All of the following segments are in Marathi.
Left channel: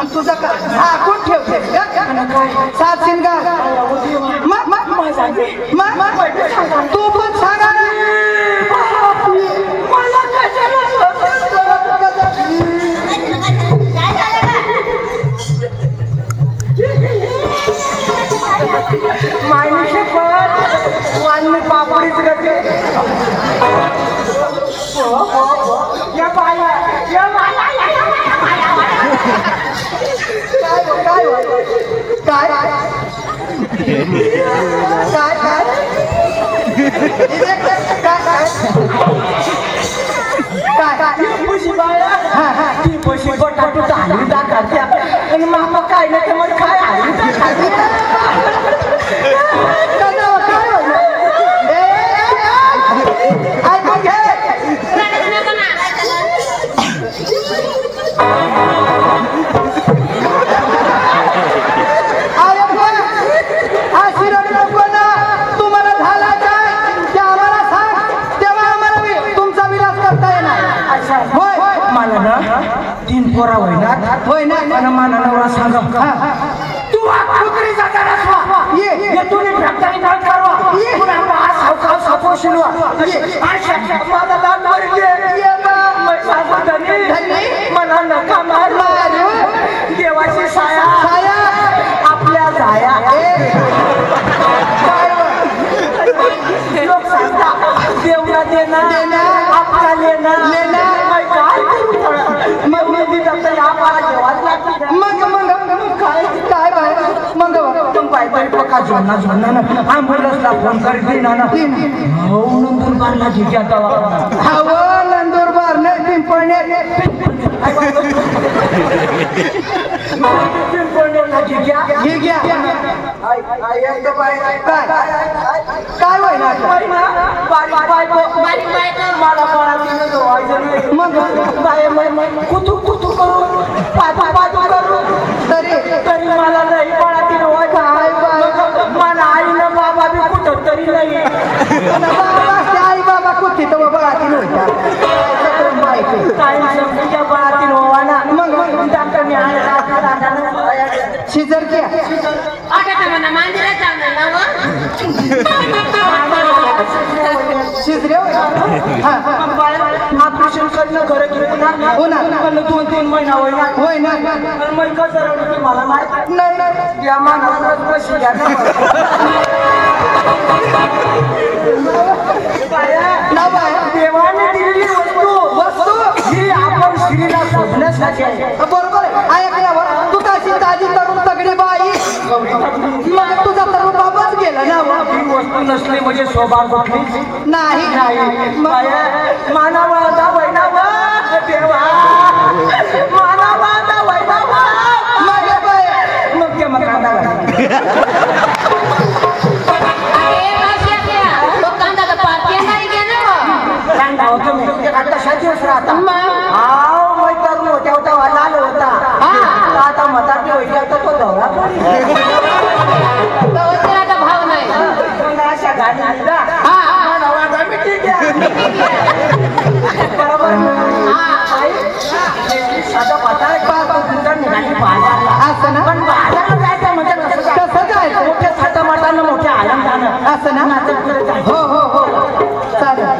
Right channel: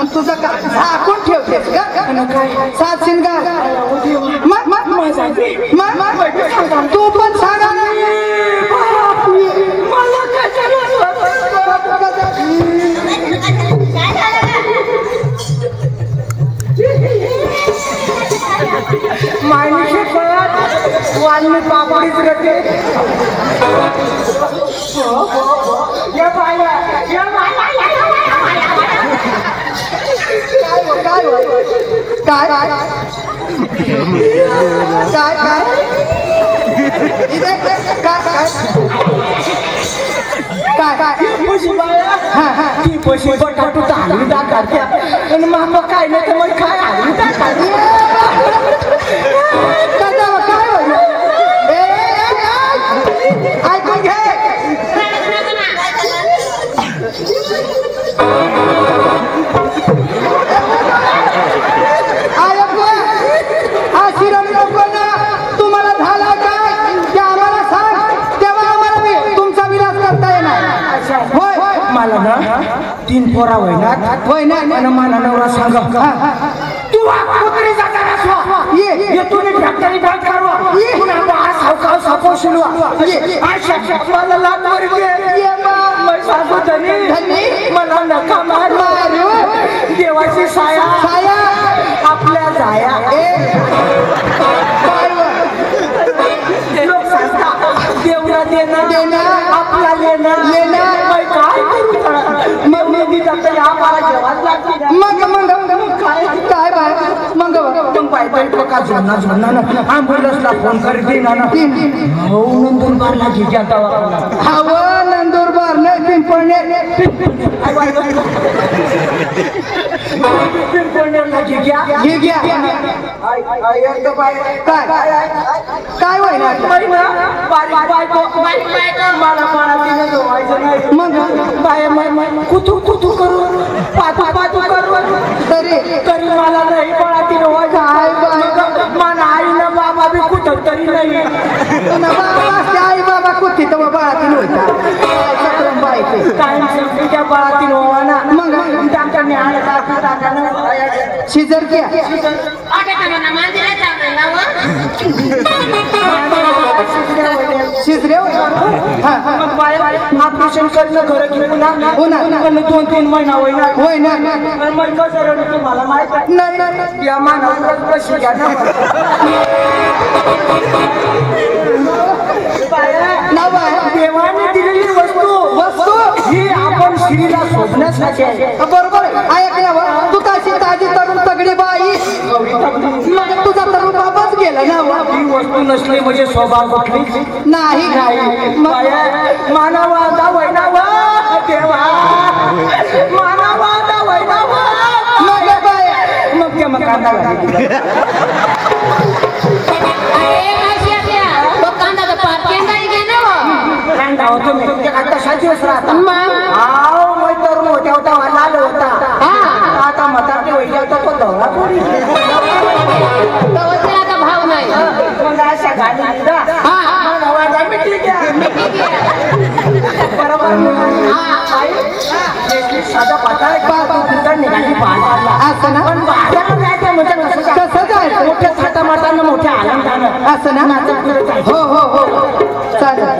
आणि तुझं झाकून ठेवतेस का सात शिंगार तू पण सांगा ना मला मायनीचे पात वालने पापडीच करते या बाया या बाया काय ती पैसे बटाटू हलवी दाखवत्या आणि मामा काय नाही तर मग काय हलवी दाखवते तीन पोरा होय ना आणि मला नवरा सांगा तू कुत्री जाताना ये तुम्ही फॅक्टरी बंद करवा पुन्हा बाळा सावकार सापो शिनवा आशा मला लाद मारी दे ये मैं सांगू धनी मला नका मार देवाची साया आपल्या जाया लोक सांगता देवला देना आपला लेना मैं काय करू ॲम्ब्युलन्सला फोन करते ना नंदुरबारला घ्या नंदुरबार नाही पिंपळनेरला घ्या काय व्हायला बारीक बायको मला पाण्यात धुवायचं नाही मग बाय कुतू करून पातू करून तरी मला नाही पाण्यात धुवायचं मला आईला बाबा बी कुठं तरी नाही आई बाबा कुठे तर बाळातील होता टाइम संपीच्या बाळातील होवा ना मग डॉक्टरने शिजर घ्या शिजरे ऑपरेशन करणं खरं घेऊ ना होणार 2-3 महिना होईना मग कसं रडू मला माहित नाही या मानावर प्रश्न घ्या देवाने दिलेली वस्तू ही आपण स्त्रीला शोधण्यासाठी आहे बरोबर ऐकल्यावर तू कशी ताजी तरुण तगडी बाई मग तुझा तरुण बाबाच गेला ना ही वस्तू नसली म्हणजे स्वभाव कुठली नाही मानवाचा वैनाव देवा मानवाचा वैनाव मग ते मग कांदा लागेल आता मताची वैद्य होता तो दौरा भाव नाही मग अशा घाली बरोबर साधा पता निघाली बाजारला असं ना पण बाजारला जायचं म्हणजे कसं जायचं मोठ्या साधा मतानं मोठ्या आनंदानं असं ना हो चालेल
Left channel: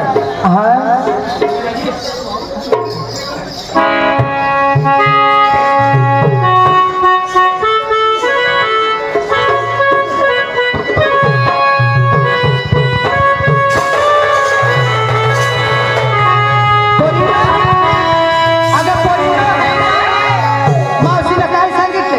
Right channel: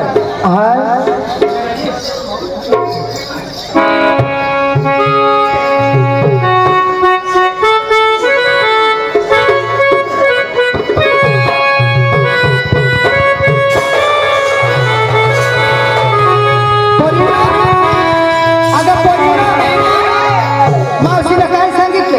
मावशीला काय सांगितलं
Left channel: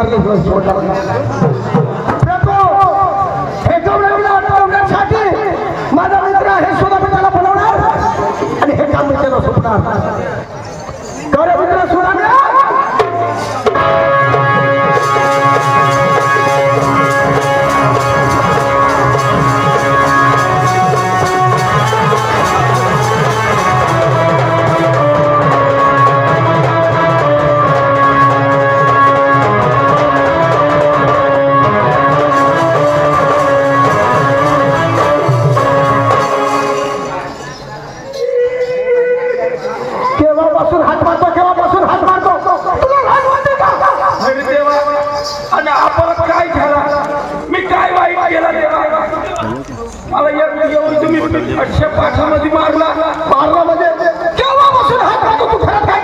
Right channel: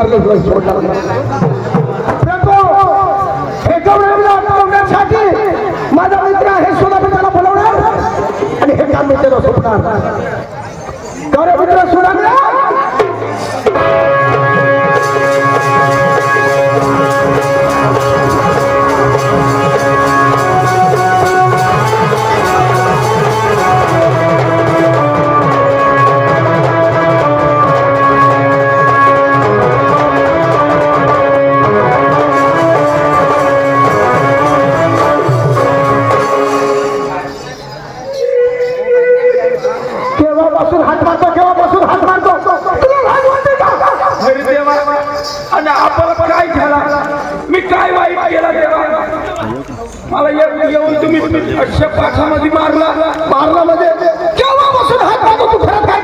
मार्ग हे गौरवण्यासाठी माझा मित्र हे सुद्धा मी त्याला बोलवणार आणि हे काम मी त्याला सुटणार. गौरव मित्र सुद्धा मारला म्हणजे केव्हापासून हात टाकतो तू घरात काय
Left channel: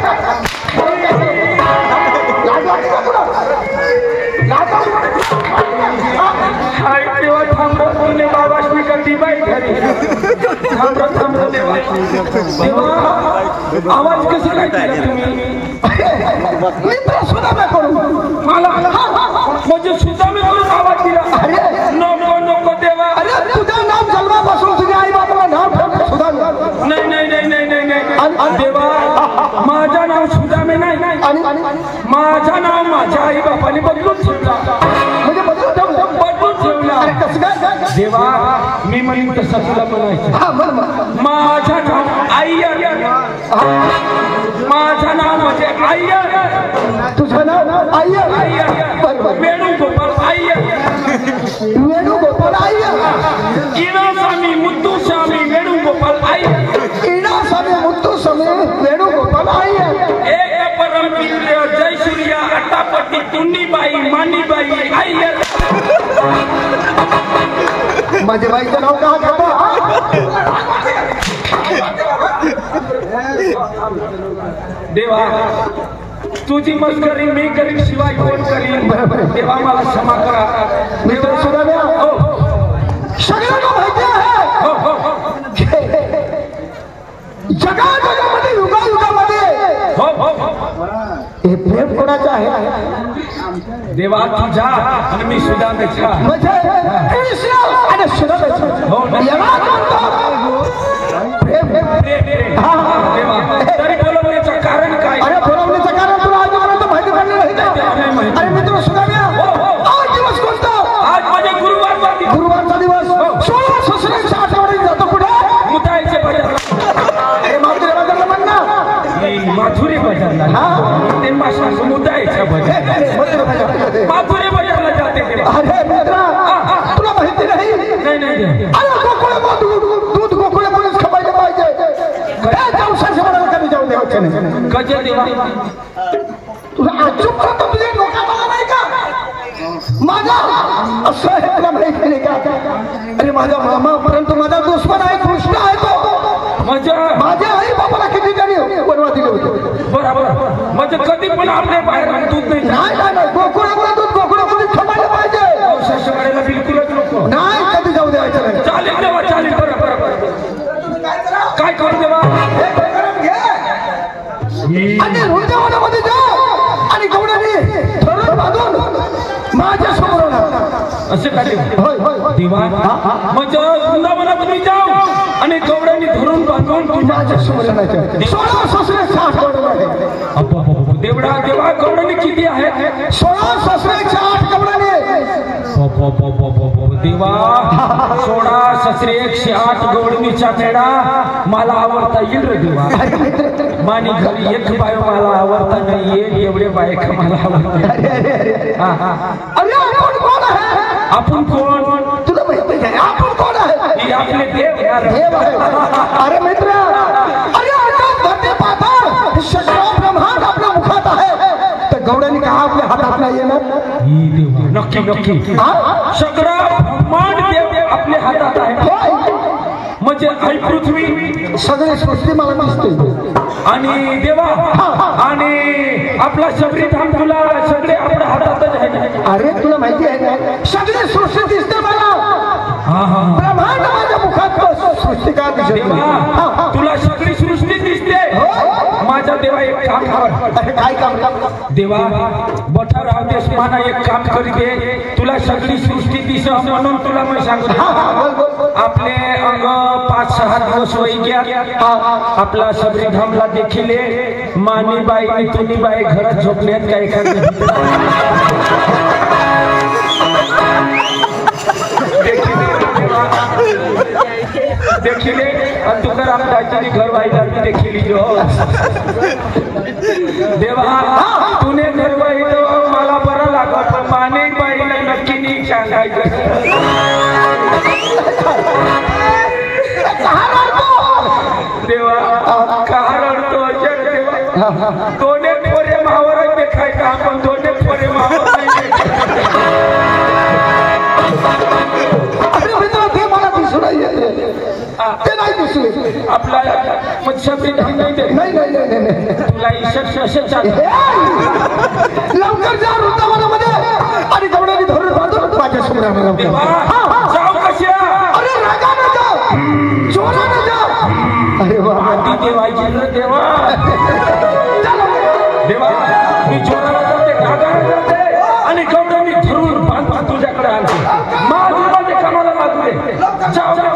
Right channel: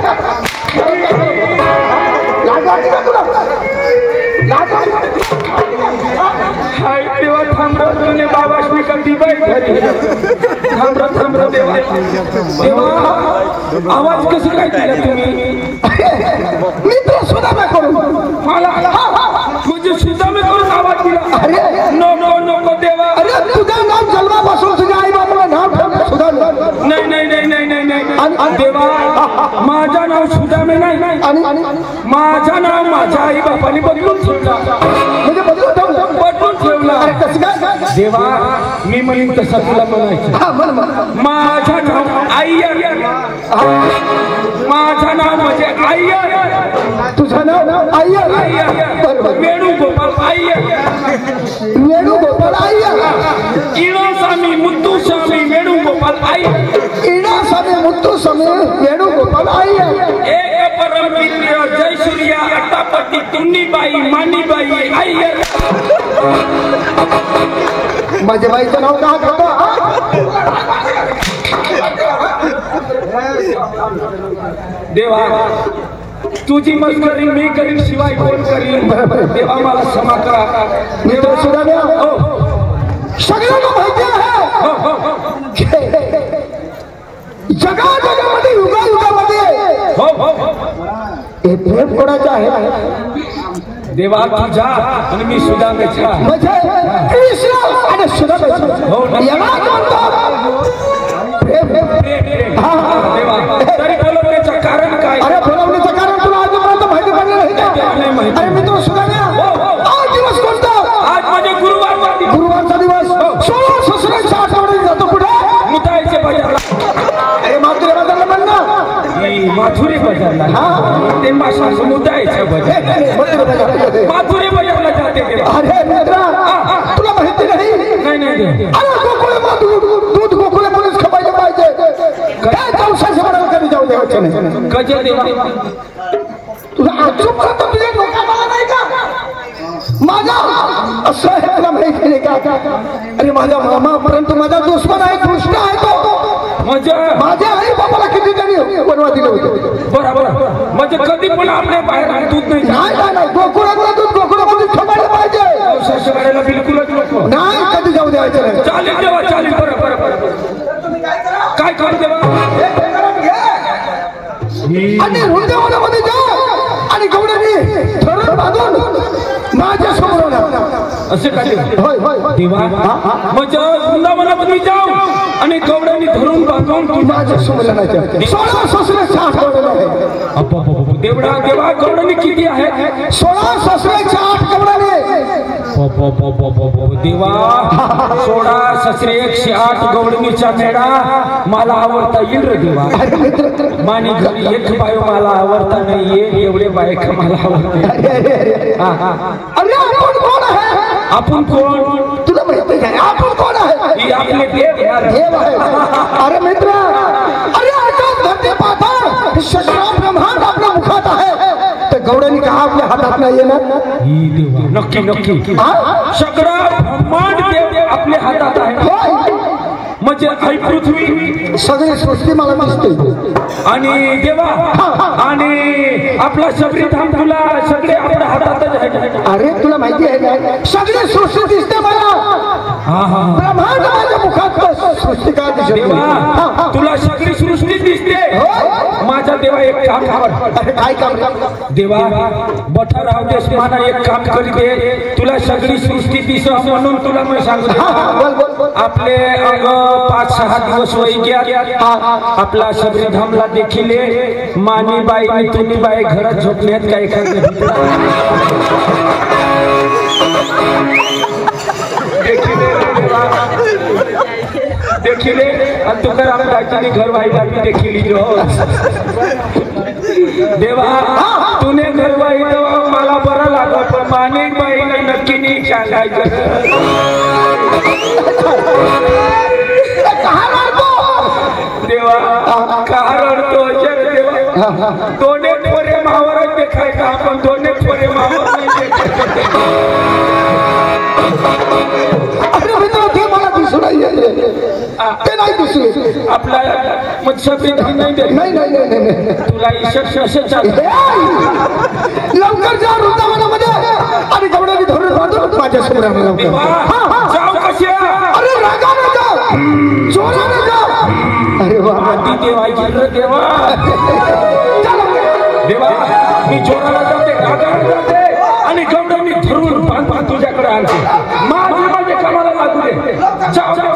आवाज कसा काय तुम्ही मित्र सुद्धा नाही करू मला म्हणजे सुद्धा मी करून आवाज दिला. अरे नको नको देवा. अरे तुझं नाव जन्मापासून तुझ्या आई बाबाला नाव ठेवलं सुद्धा नाही नाही नाही नाही नाही देवा. माझं नाव सुदामे नाही आणि माझं नाव माझ्या आई बाबांनी बदलून ठेवला. म्हणजे बदलून ठेवला. अरे कसं काय देवा. मी म्हणून तसं तुला म्हणायचं. माझं नाव आई माझं नाव म्हणजे आई. तुझं नाव आई वेणुगोपाल आई. वेणुगोपाल आई. इणास्वामी मुत्तुस्वामी वेणुगोपाल आई. इणास्वामी मुत्तुस्वामी वेणुगोपाल आई. एक परमवीर जय सूर्या अट्टापट्टी तुन्नीबाई मानीबाई आई. माझ्या बाईचं नाव का घेतो. देवा तुझी मस्करी मी करीन शिवाय कोण करीन. देवा मला क्षमा करा. देवा सुद्धा सगळ्यांना माहिती आहे जगामध्ये युगायुगामध्ये हे प्रेम कोणाचं आहे. देवा तुझा आणि मी सुदामेचा म्हणजे आणि सुदामेचा प्रेम. देवा तरी बोलवण्याचं कारण काय. अरे बोलवण्याचं कारण तुला आजपर्यंत माहिती पडलं नाही. अरे मित्र सुदाम्या आज दिवस कोणता. आज माझे गुरुवारचा दिवस. 16 ससऱ्याच्या आठवड्यात जातो कुठे मुतायचे बाजारला. अरे माथुरे बाजारला म्हणणार माथुरे बाजारला ते माशाचं मुतायचे बाजार माथुरे बाजारला जाते. अरे मित्रा तुला माहिती नाही. अरे दूध गोकुळे कोणीच खपायला पाहिजे. काय जाऊशाच्या म्हणाला कधी जाऊ द्यायचे नाही. गजे देवा तुला चुप करतो. तुझे डोक्यात आला नाही का माझा असं आहे तुला माहिती नाही का. अरे माझा मामा परंतु माझा दुश्मन आहे कृष्ण आहे तो. म्हणजे माझ्या आई बाबाला किती तरी बनवा दिले होते. बरोबर म्हणजे कधी पण आपले बाहेर दूध नाही. गोकुळातलं दूध गोकुळामध्ये खपायला पाहिजे. बिलकुलच नको. नाही कधी जाऊ द्यायचं नाही. चालेल देवा चालेल. काय करू देवा. आणि वृंदावनामध्ये जा आणि गवड्याने धरण बांधून माझ्या समोर असे काय देवा. म्हणजे वृंदावनात मी जाऊ आणि गवड्याने धरून बांधून माझ्या समोर 16 ससऱ्याच्या आठवड्याला आहे. देवडा देवा गवड्याने किती आहे. 16 ससऱ्याच्या 8 गवड्याने. देवा 16 ससरे 108 गवडणीचा मेळा मला आवडता येईल रे देवा. मानी घरी एक बाय मला आवडता नाही. एवढे बायक मला आवडते. अरे आपण कोण आहे. आपण कोण तुला माहिती आहे. आपण कोण आहे. आपले देव आहे. अरे मित्र अरे धरती पाथर सगळं ब्रह्मांड आपल्या मुखात आहे. तर गवड्याने का आपल्या हातात नाही येणार. नक्की नक्की सगळं ब्रह्मांड देव आपल्या हातात आहे. म्हणजे आई पृथ्वी सगळी सृष्टी मला दिसते. आणि देवा आणि आपला शबरी धाम तुला सगळे आपल्या हातातच आहे. अरे तुला माहिती आहे ना सगळी सृष्टी दिसते मला. ब्रह्मांड माझ्या मुखात सृष्टी काय दिसते. तुला सगळी सृष्टी दिसते. माझा देवा एक काम कर. अरे काय काम देवा बठा राव देश मला एक काम करी दे तुला सगळी सृष्टी दिसत म्हणून तुला मी सांगतो आपले 5-6 दिवस वय गया आपला सबरीधामला देखील मानी बाई तुनी बाई घरात झोपल्यात काय एखाद्या देखिले तुकाराम दादानी घर वाहिला देखिली जो देवा तूने घर वाहिलो मला बरं लागत पण माने बाईला नक्की नाही सांगायचं देवा का रडतो देवा दोन्ही पोरे मावर देखायचं आपण दोन्ही पोरे मावर नाही आपला तुला लवकर जा वृंदावनामध्ये आणि गवळणी धरून बांधून माझ्या समोर अरे रागाने जा जोराने जा अरे देवा देवा देवा मी जोराला जाते रागाने जाते आणि गवळणी धरून बांधून तुझ्याकडे आणते माझ्या कामाला लागू दे जाऊ दे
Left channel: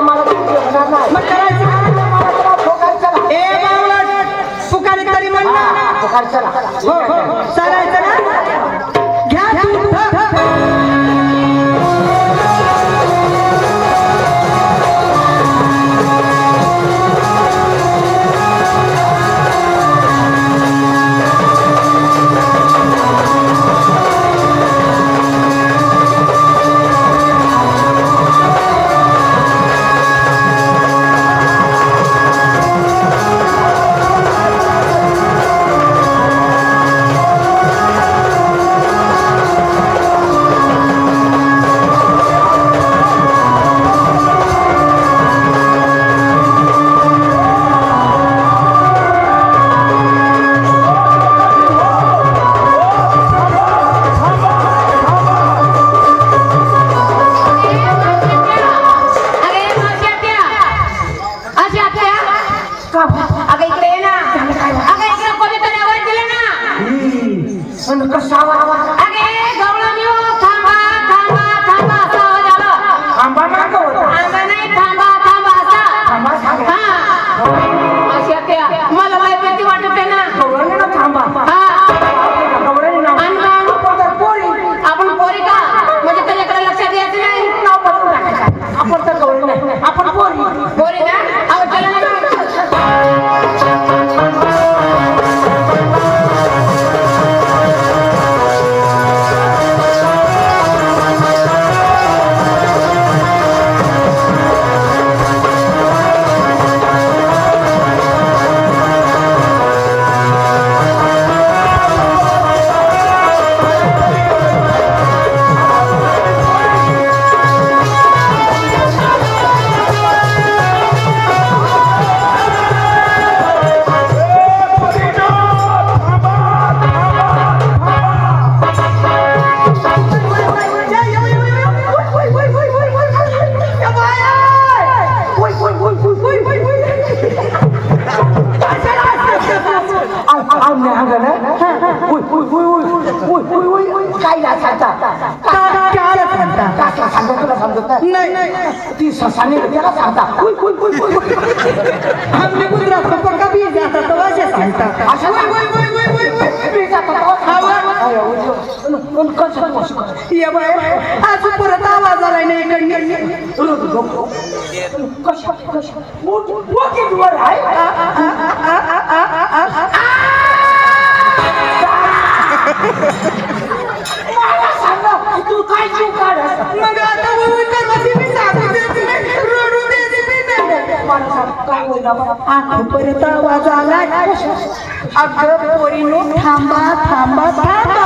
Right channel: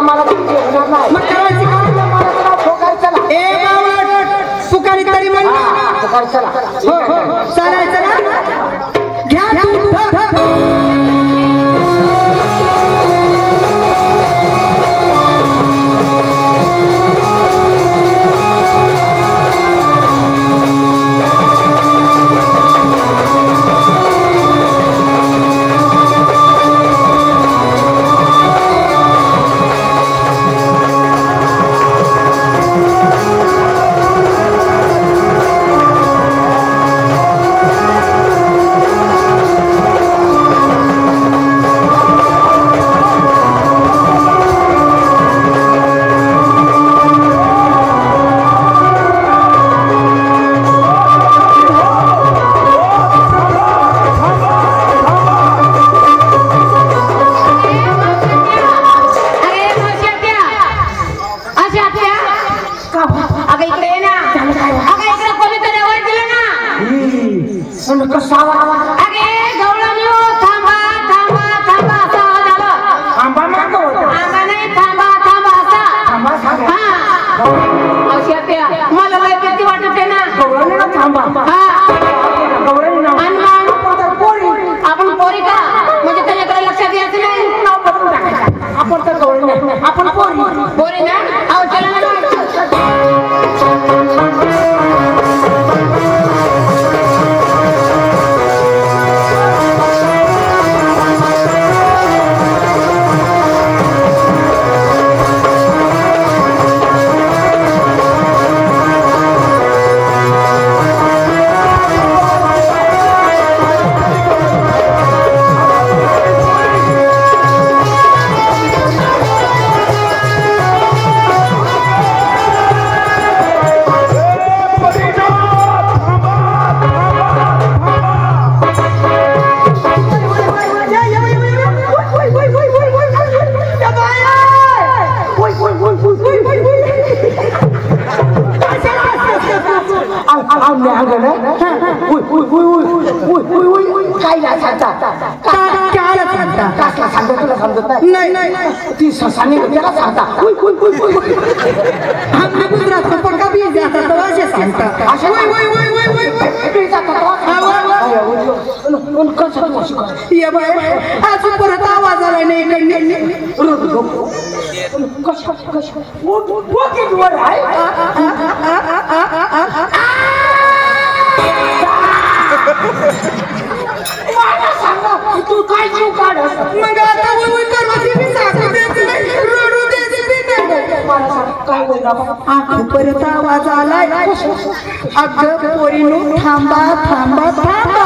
मला चालायचं ना घ्या ती ससाने त्याला सांगता हमने गुजरात को पक्का भी जाता तो ऐसे सांगता ये बाय आज परत आवाज आलाय नाही तू काय जीव काढस मग आता करवाची मी सांगू द्यायची रोडू द्यायची मी काय बोलला परत आवाज आलाय अगं पोरीनो थांबा थांबा थांबा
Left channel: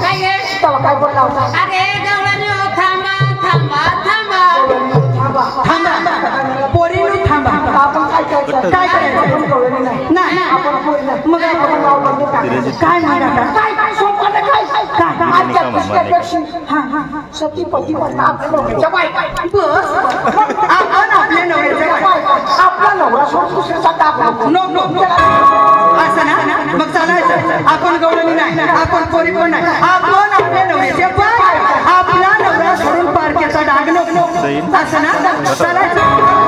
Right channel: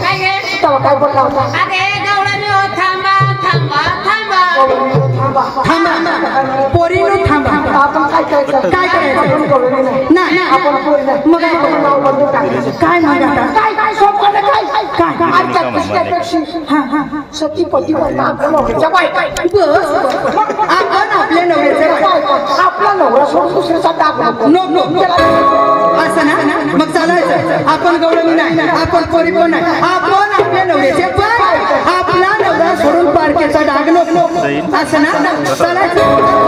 काय गे काय बोलला होता अरे गवळणी थांबा थांबा थांबा थांबा पोरीनो थांबा आपण काय करायचं नाही मग काय मग काय सोपं काय असल्यापेक्षा सतीपती आपल्या नवऱ्याच्या बायका बस आपण आपल्या नवऱ्याच्या बायका आपला नवरा सोडून दुसऱ्याचा टाक नो असं ना मग चालायचं आपण गवळणी नाही आपण पोरी पण नाही आपण आपल्या नवऱ्याचे बायका आपला नवरा सोडून पारखेचा डाग नको असं ना चालायचं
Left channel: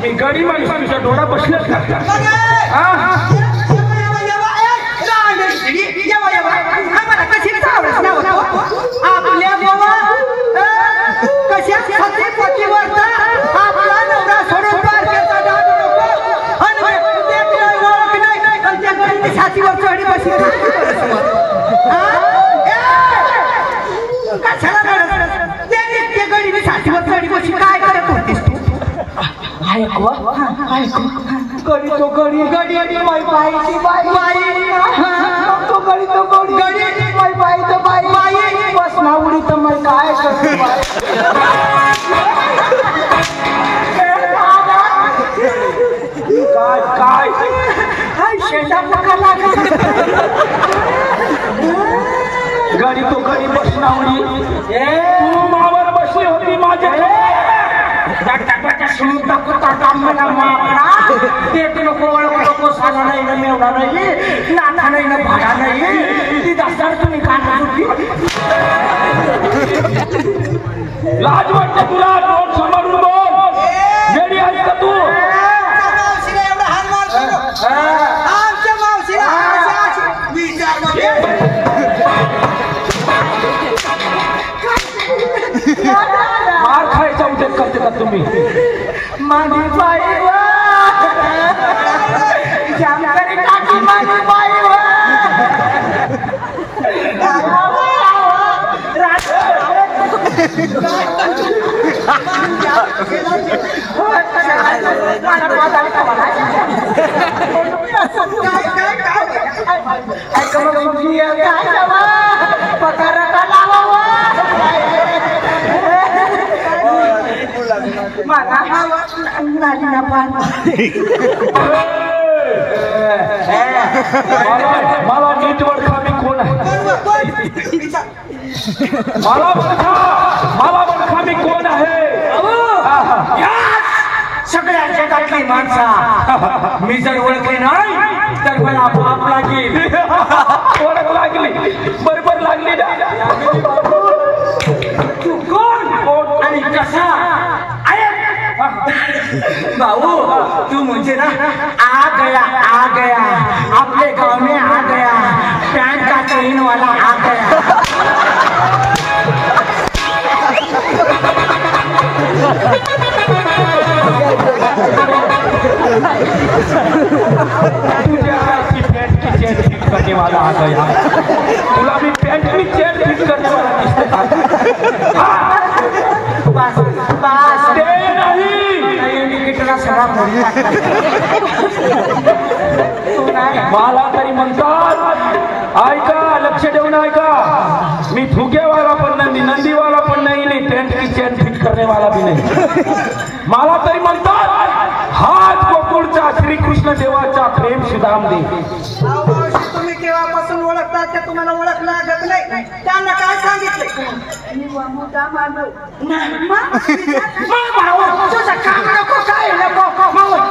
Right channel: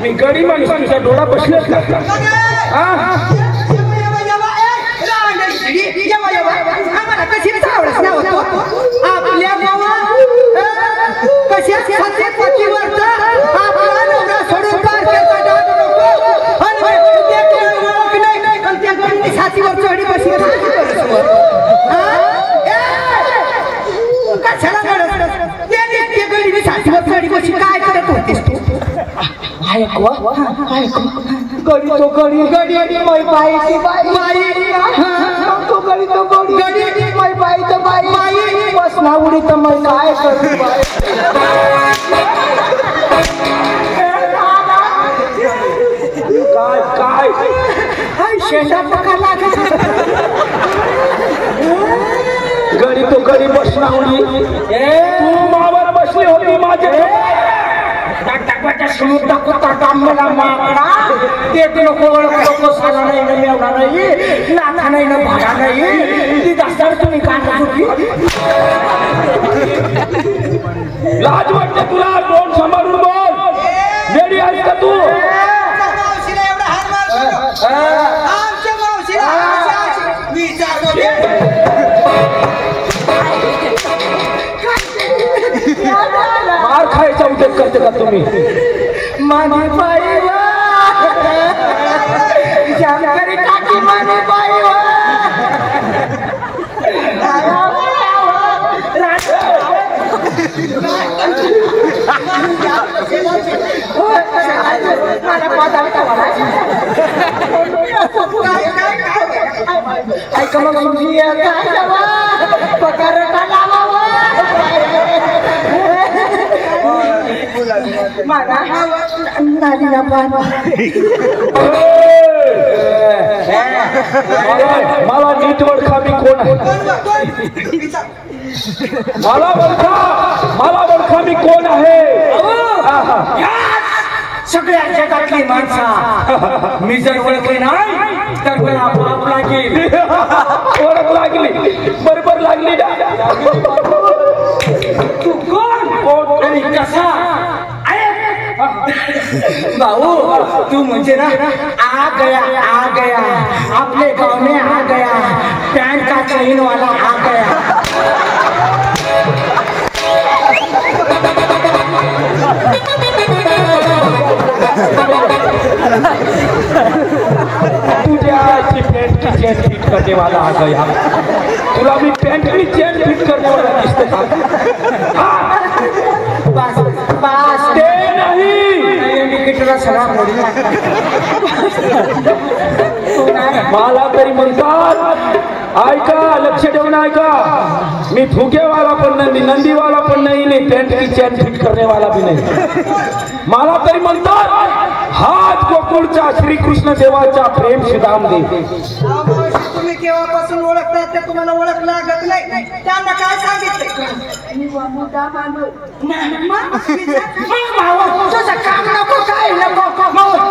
मी गडी माणूस तुझा डोळा बसलेच ना आपल्या देवा कशा सतीपतीवर आपला नवरा सोडून पारखेचा डाग नको आणि ओळख नाही आणि त्या छातीवर चढी बसली कशाला त्या गडीने छातीवर चढी बसली काय करत होतीस गडी तो गडी गडी बाई बाई तो गडी तो गडी गडी बाई बाई तो बाई बाई बस ना उडी तर मैं काय करू बाई काय हाय शेंडा पकडला गडी तो गडी बस ना उडी तू मावर बसली होती माझ्या समुद्र कुत्ता डांबला माकडा ते नको ओळखतो साधा नाही ना मेवडा नाही नाथा नाही ना भाडा नाही ती दास्तार तुम्ही काय होती लाज वाटते तुला बोल सांभाळून बोल वेडी आहेस का तू मावशीला एवढा हाल मार आमच्या मावशीला विचार मार खायचा उद्योग करते का तुम्ही माझी बाई जानकारी टाकी माझी बाई मला नीट ओळखा मी कोण आहे मला ओळखा मी कोण आहे सगळ्या जगातली माणसं मी जर ओळखले नाही तर मला पाप लागेल ओळख लागली बरोबर लागली ना तू कोण आणि कसा भाऊ तू म्हणजे ना आ गया आपले गाव में आ गया पैंट का चेन वाला आ गया फुगे वाला पण नाही, नंदी वाला पण नाही, पेंट की चैन फिट करने वाला भी नाही. मला तरी म्हणतात हात गोकुळचा श्रीकृष्ण देवाचा प्रेम सुदाम दे. तुम्ही केव्हापासून ओळखतात ते तुम्हाला ओळख लागत नाही. त्यांना काय सांगितले? मी मुद्दाम आलो नाही. मग भाऊ तुझं काम नको काय नको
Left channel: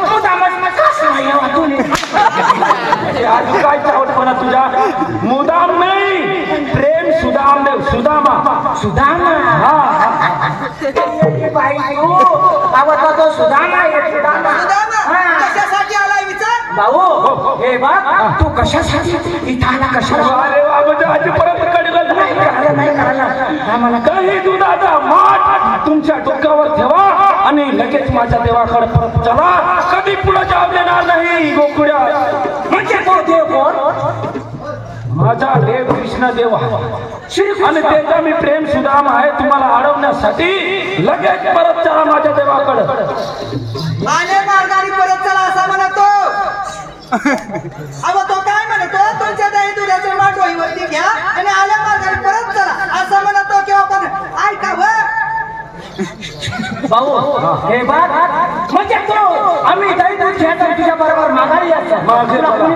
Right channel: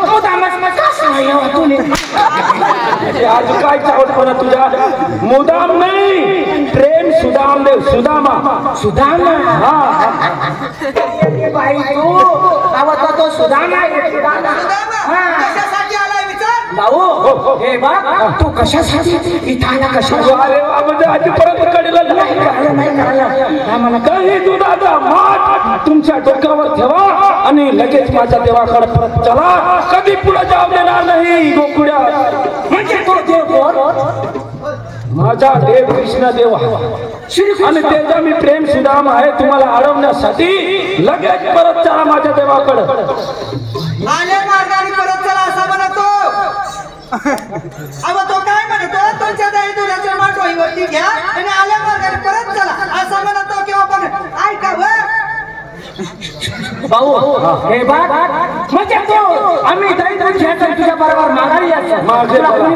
मुद्दामच कसं येवा तुम्ही आज काय चावटपणा तुझा. मुदाम नाही, प्रेम सुदाम देव. सुदामा सुदामा. हा बाई आवडता तो सुदामा आहे. सुदामा कशासाठी आलाय विचार भाऊ. हे बघ तू कशासाठी इथं आला कशाला. अरे वा, म्हणजे आजपर्यंत कळलं नाही. काही दुधाचा माठ तुमच्या डोक्यावर ठेवा आणि लगेच माझ्या देवाकडे परत चला. कधी पुढे जाऊ देणार नाही गोकुळ्या. म्हणजे तो देव कोण? माझा देव कृष्ण देव आणि त्याचा मी प्रेम सुदाम आहे. तुम्हाला अडवण्यासाठी लगेच परत चला माझ्या देवाकडे. आले मार्गाने परत चला असं म्हणतो. अगं तो काय म्हणतो? तुमच्या दही दुधाच्या माठवईवरती घ्या आणि आल्या मार्गाने परत चला असं म्हणतो. किंवा पण ऐका भाऊ हे बात म्हणजे तो आम्ही दही दूध घ्यायचं तुझ्या बरोबर माघारी यायचं.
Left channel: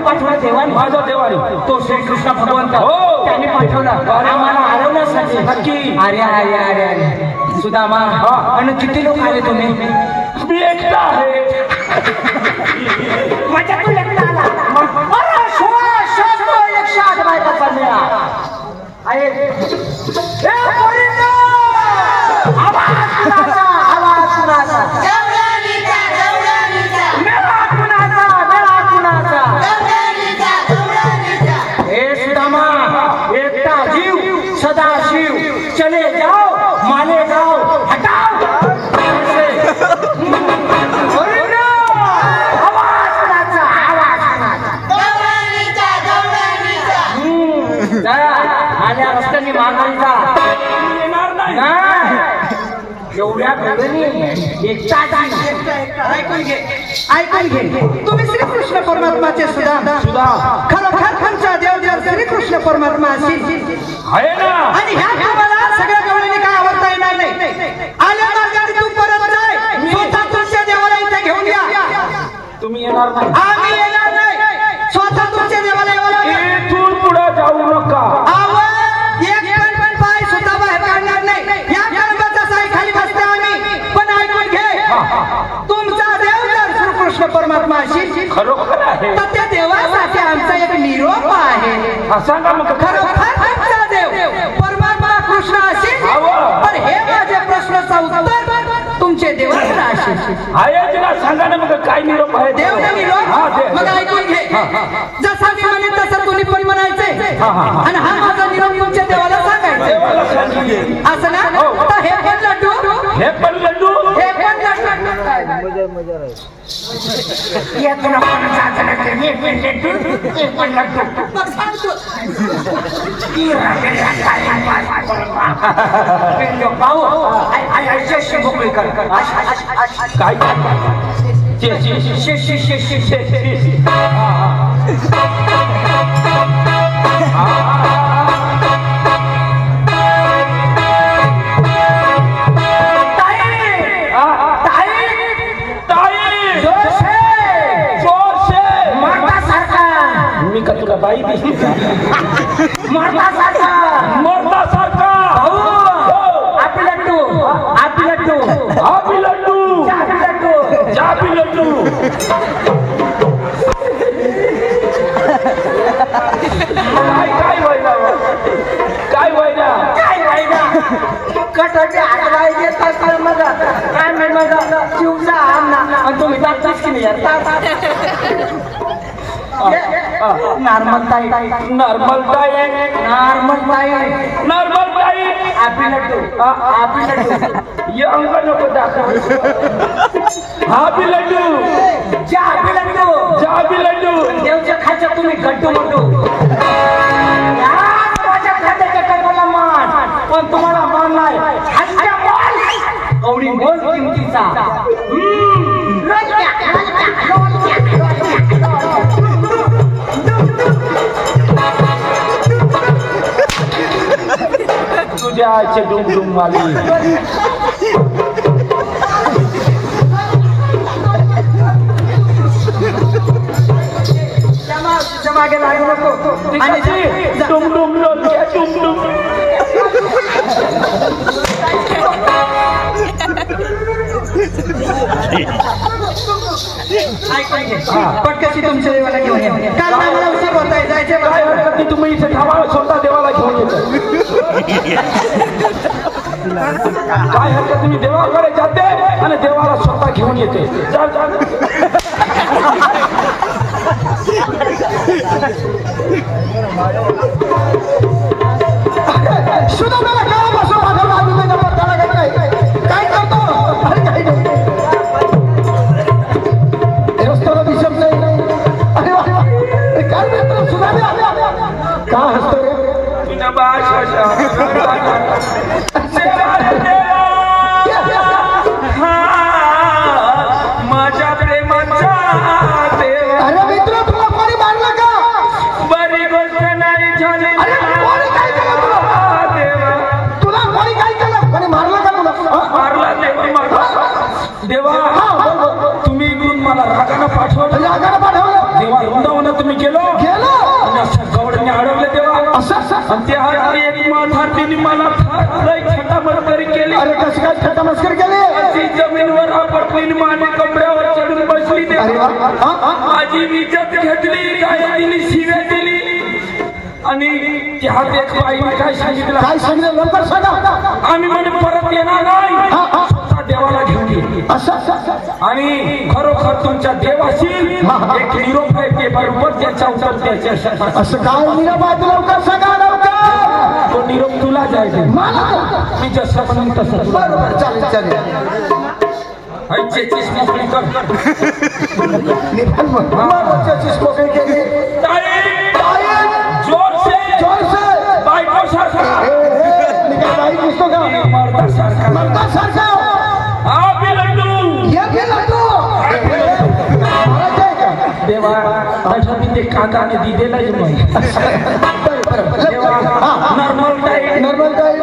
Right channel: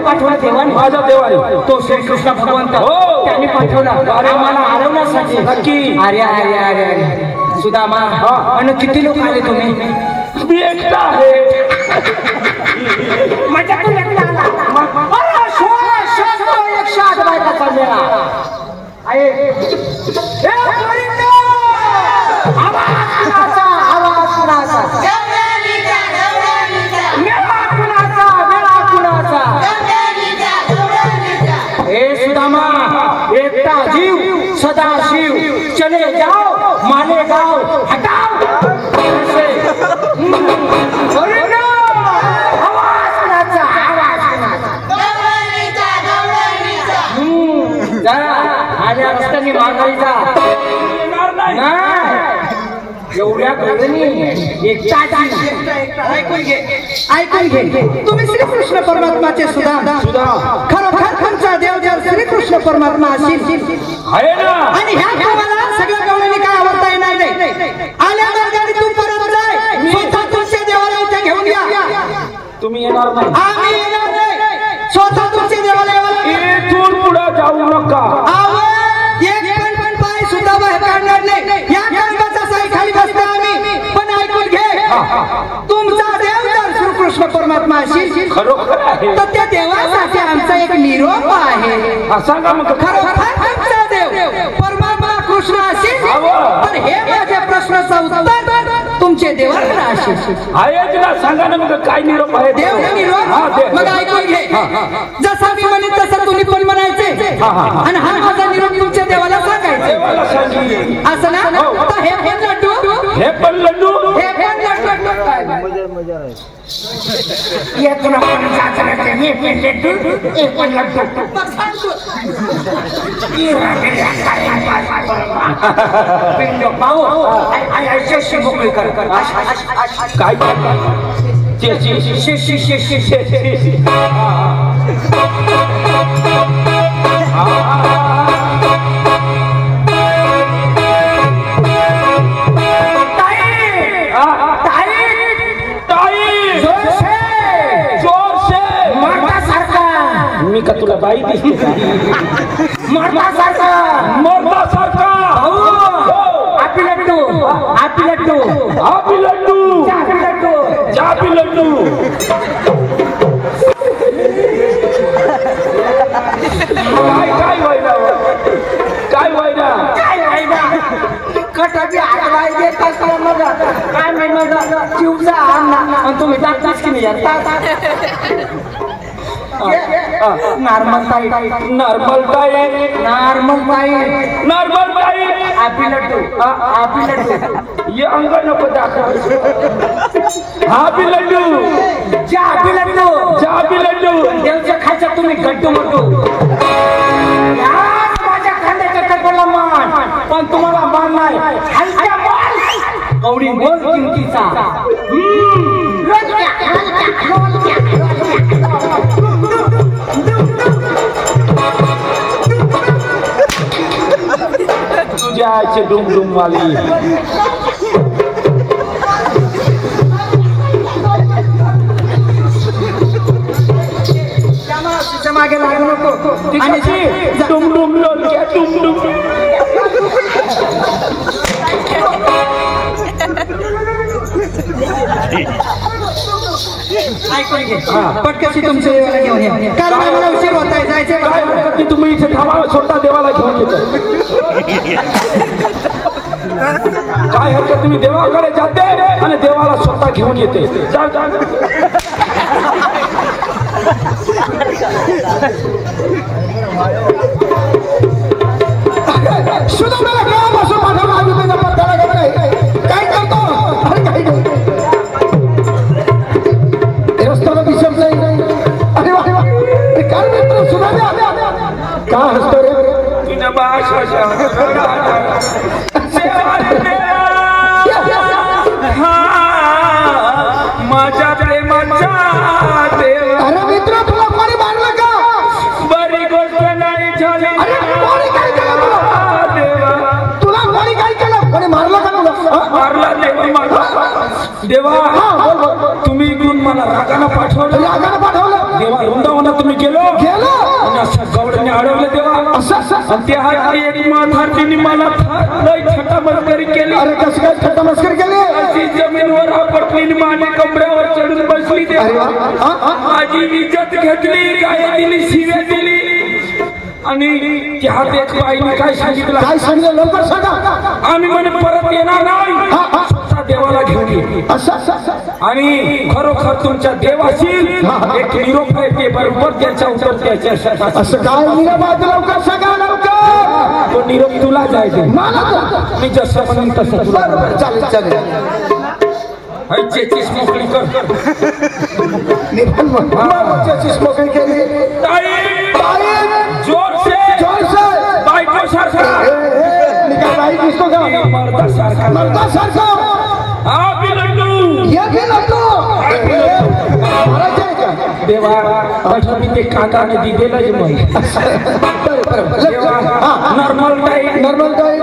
पाठवलं देवानी, माझ्या देवानी तो श्रीकृष्ण भगवंत त्यांनी पाठवला आम्हाला हरवण्यासाठी. नक्की. अरे अरे अरे अरे सुदामा आणि किती लोक आले तुम्ही? मी एकटा आहे. म्हणजे तू एकटा आला. एकटा जीव सदा शिव चले जाओ माले गाओ हटाओ. आल्या रस्त्याने माघारी जा. येणार नाही. एवढ्या गरजनी ऐकून घे ऐकून घे. तुम्ही श्रीकृष्ण परमात्माचे सुद्धा खरोखर तुमचा देव देव श्रीकृष्ण परमात्मा असेल आहे ना. आणि ह्या तुम्हाला सगळ्या गवळीने काय आवडता येणार नाही. आल्या मार्गाने तू परत जाय. स्वतः तुमच्या देवाला इथे घेऊन या. तुम्ही येणार नाही. आम्ही येणार नाही. स्वतः तुमच्या देवाला यावं लागेल. इथून पुढे जाऊ नका. एक पण पाय सुद्धा बाहेर काढणार नाही. या कर्माचा साई खाली बसता आम्ही. पण ऐकून घे तुमचा देव जर श्रीकृष्ण परमात्मा असेल खरोखर आहे तर त्या देवासाठी आमचा एक निरोप आहे. सांगा मग. खरोखर तुमचा देव परमात्मा कृष्ण असेल तर हे माझ्या प्रश्नाचं उत्तर तुमचे देवाकडे असेल. आहे तुला सांगा ना मग काय निरोप आहे. देव निरोप मग ऐकून घे. जसा मी म्हणेन तसं तुम्ही पण म्हणायचे आणि हा माझा निरोप तुमच्या देवाला सांगायचे. असं ना. तर हे पण लड्डू हे पण लड्डू हे पण लड्डू काय या तुला पण जायचं हे पण लड्डू हे पण लड्डू मग सांगतो. भाऊ ऐशी मोकळी कर. काय मी का तुला बाई दिसली? मर्दासारखा आपी लड्डू आपी लड्डू आपी लड्डू चापी लड्डू चापी लड्डू. काय व्हायला काय व्हायला काय व्हायला कटाची हातला येत असला मग काय माहिती जीवचा अन्ना आणि तुम्ही जाताच की नाही. नॉर्मल ताई नॉर्मल ताई नॉर्मल ताई नॉर्मल ताई आपी लड्डू ये अंग नको दाखव. आपी लड्डू आपी लड्डू देवच्या खायच्या तुम्ही गड्डू मोठू. माझ्या खांद्याच्या टक्करला मान पण तुम्हाला मान नाही. हलक्या मान एवढी बोल किमतीचा. तुझ्या आईचे डुमडुम वाली मागे लागू नको आणि डुमडुम लोलक्या डुमडुम ऐकून घे पटकशी तुमच्या देवाला घेऊन या कारण मला उशीर होत आहे जायचं काय हरकत नाही तुम्ही इथे थांबा स्वतः देवाला घेऊन येतो काय हरकत तुम्ही देवाकडे जाते आणि देवाला स्वतः घेऊन येते सुद्धा मला केव्हापासून माझा मागून पत्ता लागत नाही काय करतो अरे काय करतो रस्त्याला दिसत नाही अरे वा काय मित्र सुद्धा का हसतो रे माझ्या प्रेमाचा देव अरे मित्र तुला कोणी मारलं का बरी गोष्ट नाही झाली अरे कोणी काय केलं तुला कोणी काय केलं कोणी मारलं का तुला मारला देवा मारला देवा तुम्ही इकडून मला रागानं पाठवलं रागानं पाठवलं देवा वृंदावनात तुम्ही गेलो गेलो असं गवडने अडवलं देवा असं आणि त्या एक माथार्थीने मला लय थटामस्करी केली अरे कसं काय थट्टा मस्कर केली ती जमीनवर आपटली माझ्या कमऱ्यावर चढून बसली अरे देवा वा माझी इज्जत घेतली काय दिली शिव्या दिली आणि त्या एक बाईने काय सांगितलं काय सांगितलं लवकर सांगा आम्ही म्हणे परत येणार नाही स्वतः देवाला घेऊन ये असं आणि खरोखर तुमच्या देवाशी एक निरोप आहे ते बरोबर त्याच्या उत्तर त्याच्या असं काय निराबाद लवकर सांगा लवकर तो निरोप तुला जायचे मला मी जसं म्हणून तसं बरोबर चालेल चालेल चेचीस मोकळी कर मोकळी केली जोर से जोर से बायको सारखा बाई दिसतो का मर्दा सारखा मर्दा सारखा हा बी लड्डू ये घे लड्डू मारायचं आहे का देवा तसं ते काकाने दिलेलं नाही नॉर्मल टाईप नॉर्मल काय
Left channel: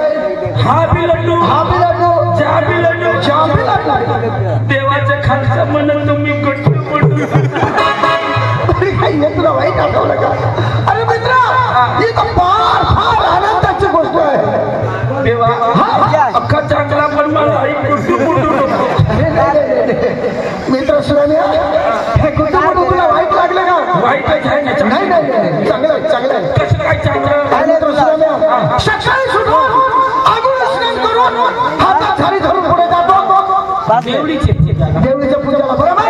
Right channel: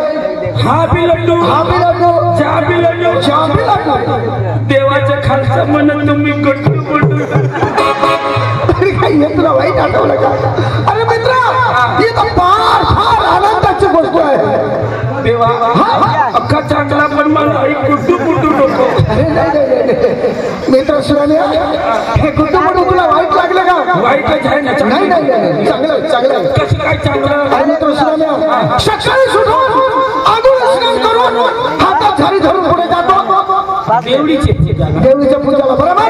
हा बी लड्डू हा बी लड्डू चहा बी लड्डू चहा बी लड्डू देवाच्या खालचं म्हणून तुम्ही गट्टू अरे काय हे तुला वाईट आठवलं का अरे मित्र ही तर फार फार आनंदाची गोष्ट आहे देवा अख्खा चांगला पण मला एक गुड्डू गुड्डू बोलतो अरे नाही मित्र सुराने हे गुड्डू गुड्डू तुला वाईट लागलं का वाईटच आहे ना नाही नाही नाही चांगलं आहे चांगलं आहे कसं काय चांगलं आणि मित्र सुराने सकाळी सुटून आंघोळ स्नान करून हातात झारी धरून पुढे जातो देवडीचे देवीच्या पूजाला बरोबर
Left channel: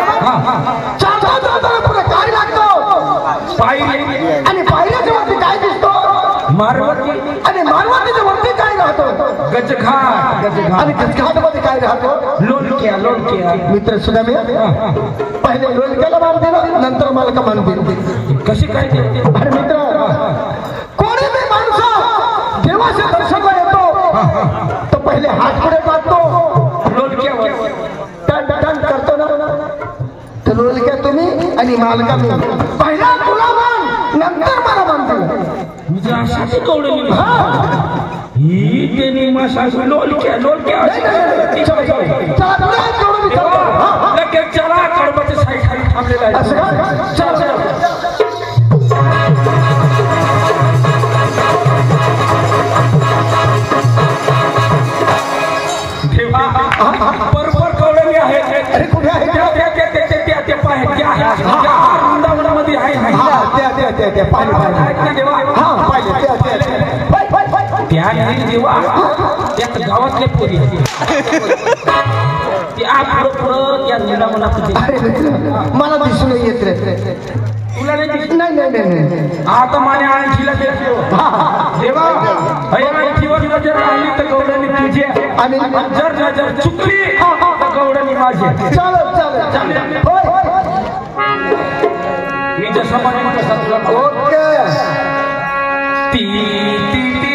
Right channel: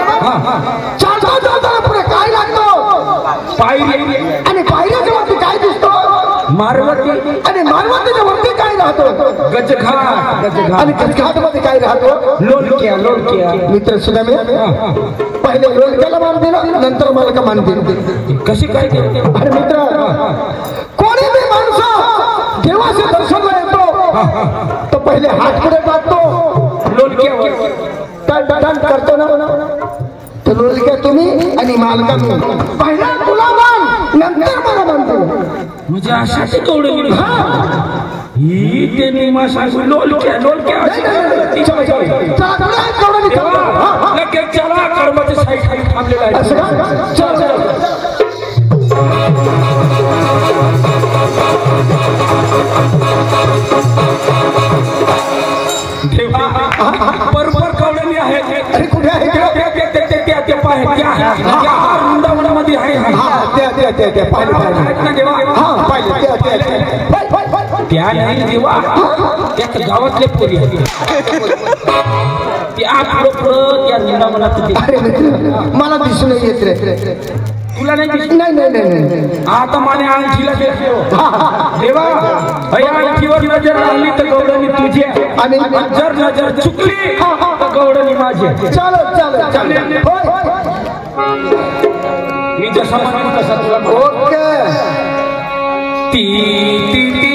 चालता चालताना पुढे काय लागतो पायरी आणि पायऱ्याच्या वरती काय दिसतो मारवती आणि मारवातीच्या वरती काय राहतो गजघाट गजघाट आणि गजघाटमध्ये काय राहतो लोणक्या लोणक्या मित्र सुद्धा मी पहिले लोणक्याला मान दिलं नंतर मालका मान दिली कशी काय देते अरे मित्र कोणी बी माणसं देवाचे दर्शनला येतो तो पहिले हात पुढे टाकतो लोणक्यावर टन करतो ना तर लोणक्या तुम्ही आणि मालका मी पहिला तुला मान नंतर मला मानतो म्हणजे अशाची कवडली ही त्यांनी मासा लोणक्या लोणक्या लगेच चला कडबाच्या साईड खाली थांबलेला आहे चल देवा बरोबर कवडली आहेत अरे कुठे आहे त्या पाय त्या वृंदावनामध्ये आहे त्या पाहिले आहेत ना देवा हा पाहिले त्या नाही देवा त्याच गावातले पोरी त्या पुढं त्या वृंदावनात अरे मला दिसून येत रे तुला नाही दिसत? नाही नाही नाही आता माने आणखीला देवा आणखीवर नजर आणली तर गौडणी तुझी आणि जर नजर चुकली तर गौडणी माझी चालत चालत चालेल मी जसा म्हणून तसा तुला ओके ती ती ती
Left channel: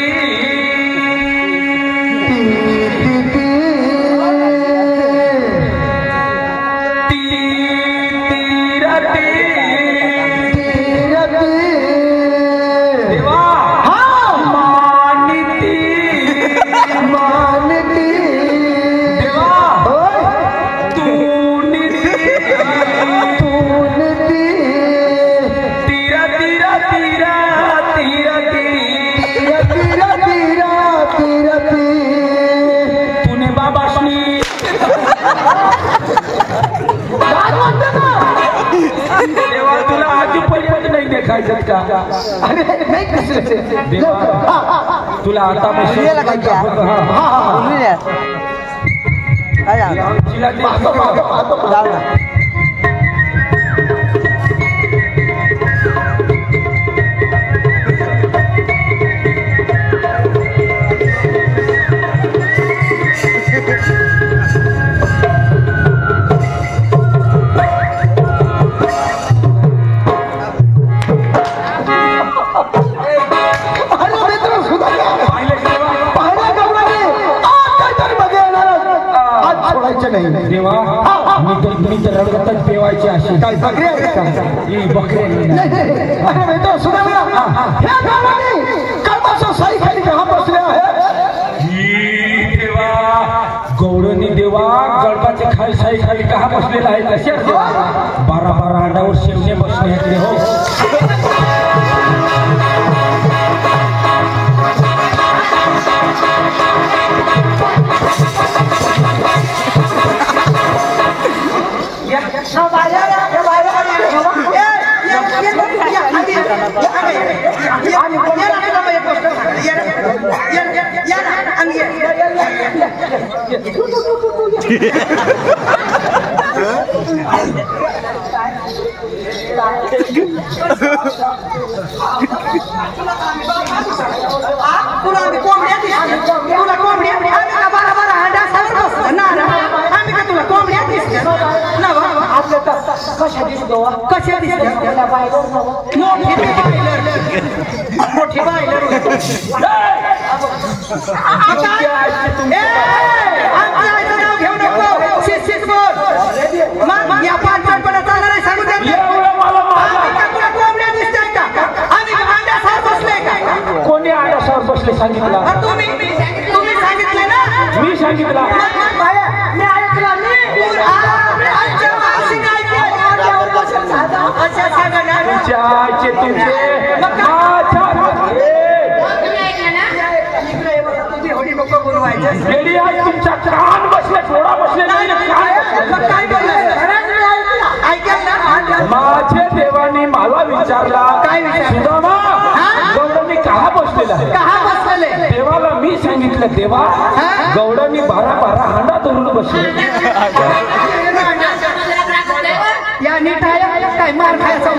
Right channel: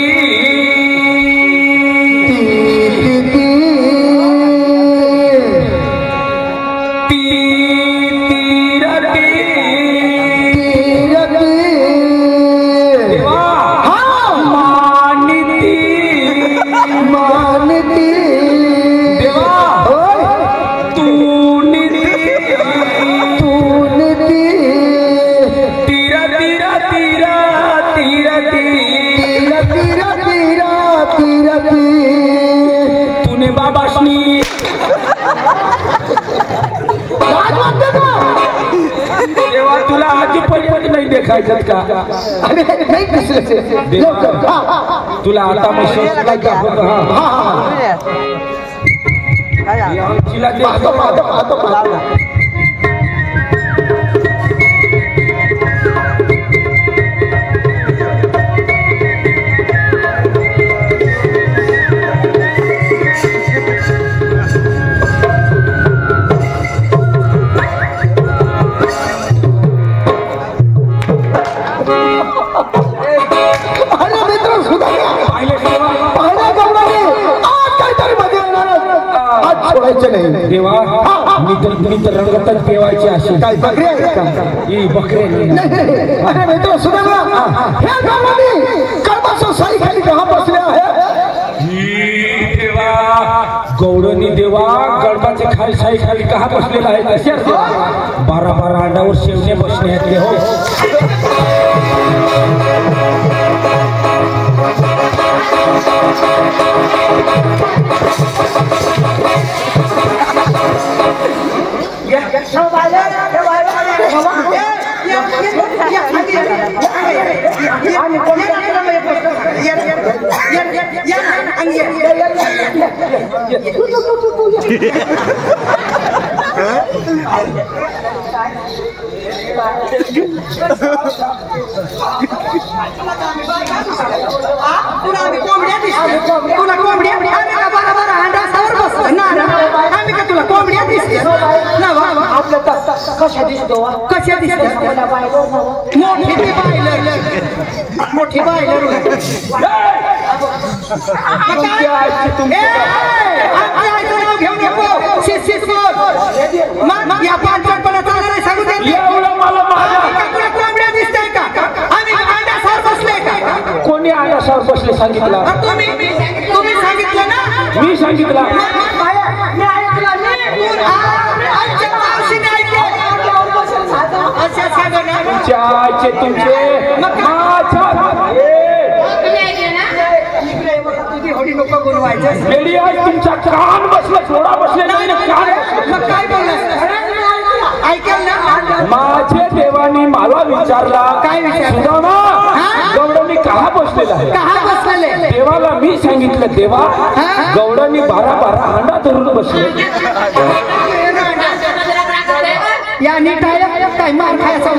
खायचं का? अरे नाही कसले देवा तुला आता मशीन तिला देवा मी तर रंगतच देवायची अशी काय बकरी आहे का? ही बकरी अरे मित्र सुधारा ह्या गावाने कळपासून साई खाली कहा बसले आहे देवा गौडनी देवा गडपाचे खाली साई खाली कहा बसलेला आहे तसे 12 अंडावर शेवणे बसले आहेत हो कशा दिसतो मोठी बायलर घेऊ नको या पांचपणा चालणार आहे सांगू कोंबड्या दिसतंय का आम्ही अंड्यासवर बसले का कोणी अंड्यासवर बसले सांगितलं तुम्ही सांगितलं ना मी सांगितलं मी ऐकलं तुमच्या कान बसले थोडा बसले माझे देवानी मला विचारला काय विचारलं गौडनी कहा बसलेला आहे देवाला मी सांगितलं देवा गौडनी 12 हांडा धरून बसले या नीट काय मार खायचं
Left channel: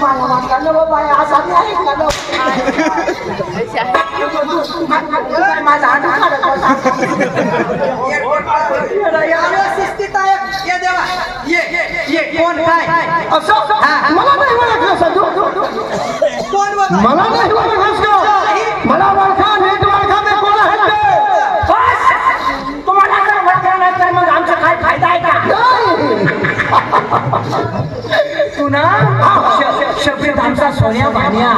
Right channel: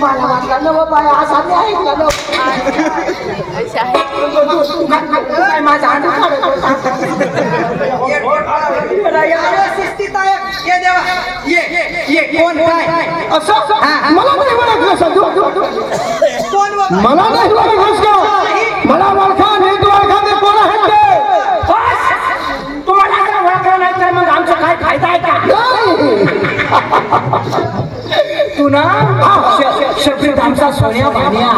माझा कोण काय असं मला नाही ओळखलं सांगू कोण मला नाही ओळखलंस का मला ओळखा नीट ओळखा ते कोण आहेत ते तुम्हाला जर ओळखलं नाही तर मग आमचा काय फायदा आहे का तू ना शब्दांचा सोन्या भानिया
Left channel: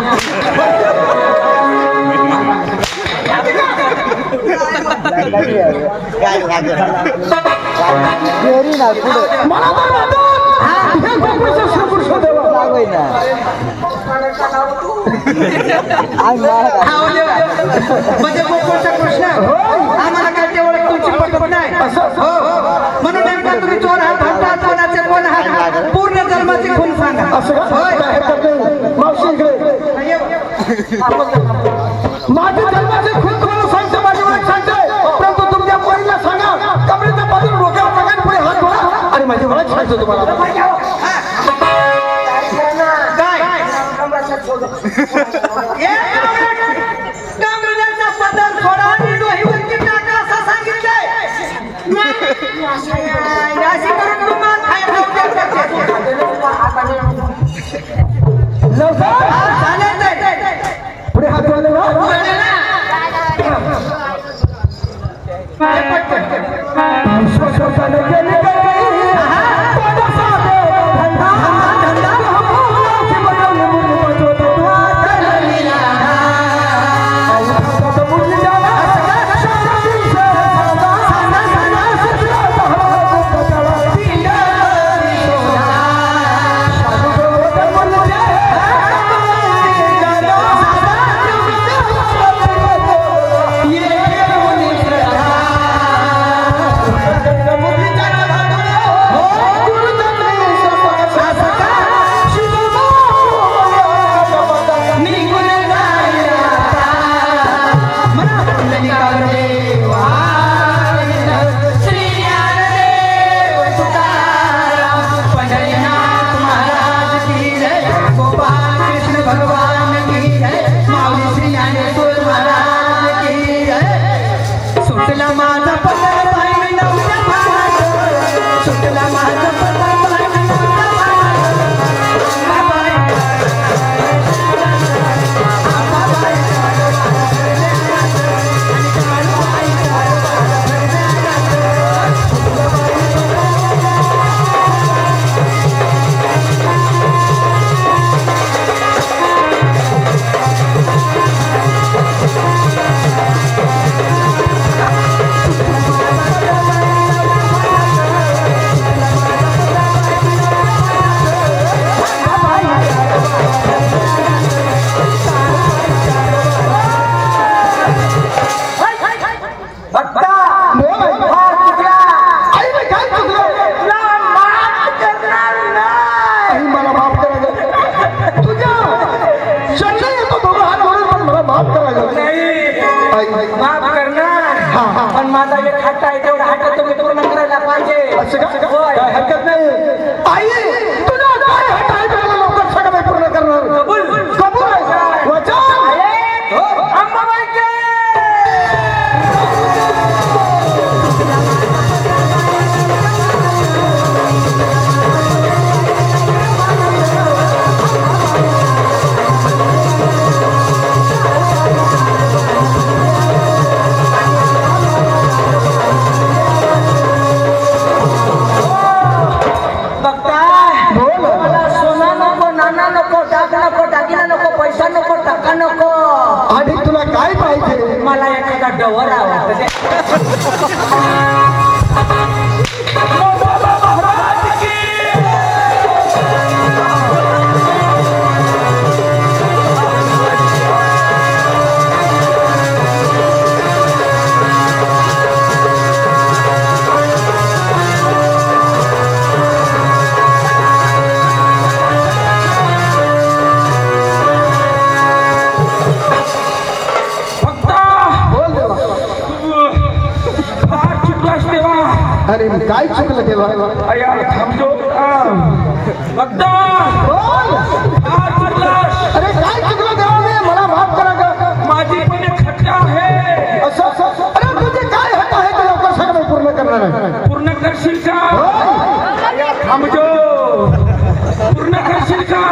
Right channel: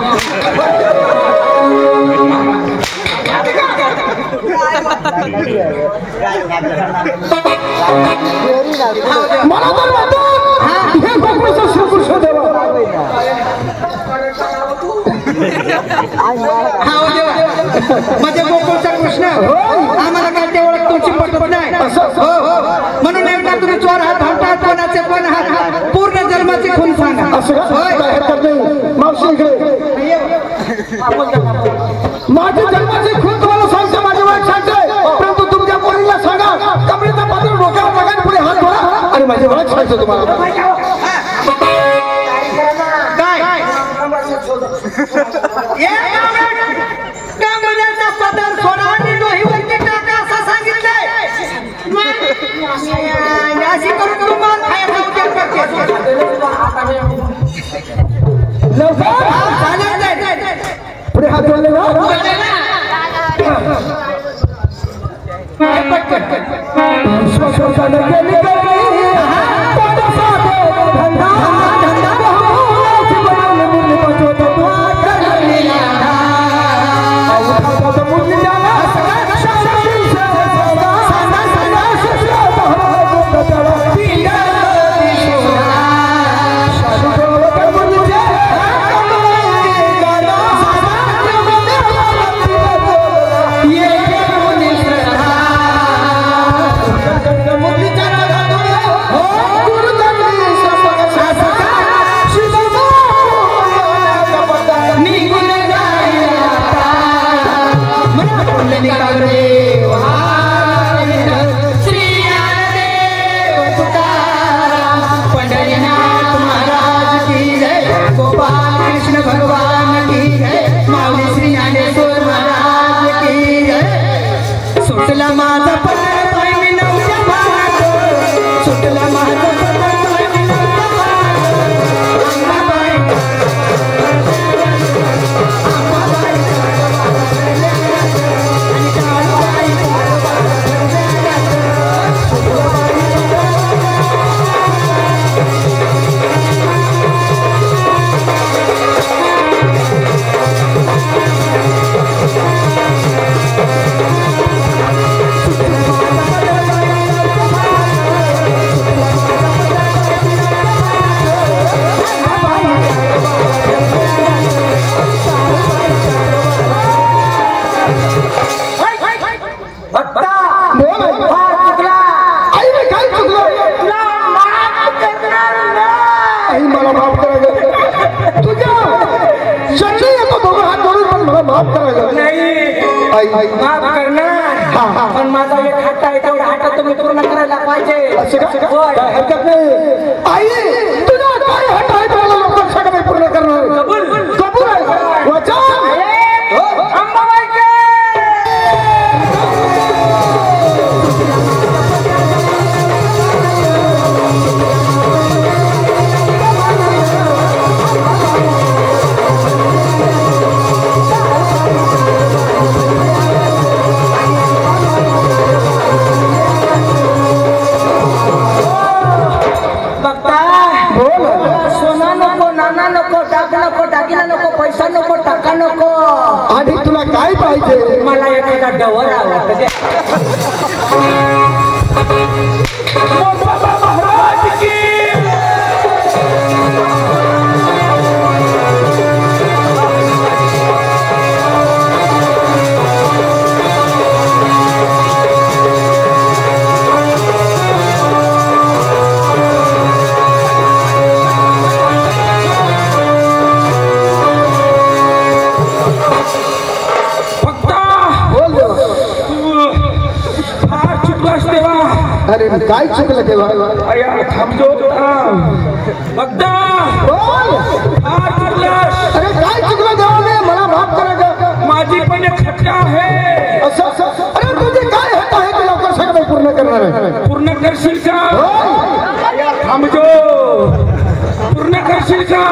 मला तर वाटतं हे भगवानचं श्रीकृष्ण देवा म्हणजे गोकुळचा कृष्ण आम्हाला काय ते ओळख तुमची पटत नाही म्हणून नेमका तुम्ही चोर हात म्हणतात कोणाचे कोण हात पूर्ण जन्माचे खून सांगा मावशी इकडे माझे जन्माचे खून तुम्हाला सांगते माझी ओळख सांगते परंतु तुमच्या पोरीला सांगा कमरेचा बाजून डोक्यावर टाका पुढे हात धरा आणि माझी ओळख सांगतो तुम्हाला कामराजांचा पदर सोडा आणि डोहीवरती टाका असं सांगितलंय अशी करून तुम्हाला पुढे हात जोडले मुरलीचा नाही माफ करणार पण माझा एक हट्ट आहे तेवढा हट्ट तुम्ही पूर्ण करायला पाहिजे असं का? होय. काय हरकत नाही आई तुझा काय हट्ट आहे त्याला लवकर सगळं पूर्ण करणार कबूल. कबूल आहे वचन अंबाबाई के दागिना नको पैसा नको टाका नको आणि तुला काय पाहिजे मला एखादा डवर आवडतं अरे काय चुकलं तेव्हा अरे थांबतो बघता अरे काय चुकलं गावने मला माफ करा ग माझी पण एक खट्टा आहे अरे तुझे काय हट्ट आहे ते लवकर सगळं पूर्ण करणार आहे पूर्ण करशील का थांबतो पूर्ण करशील का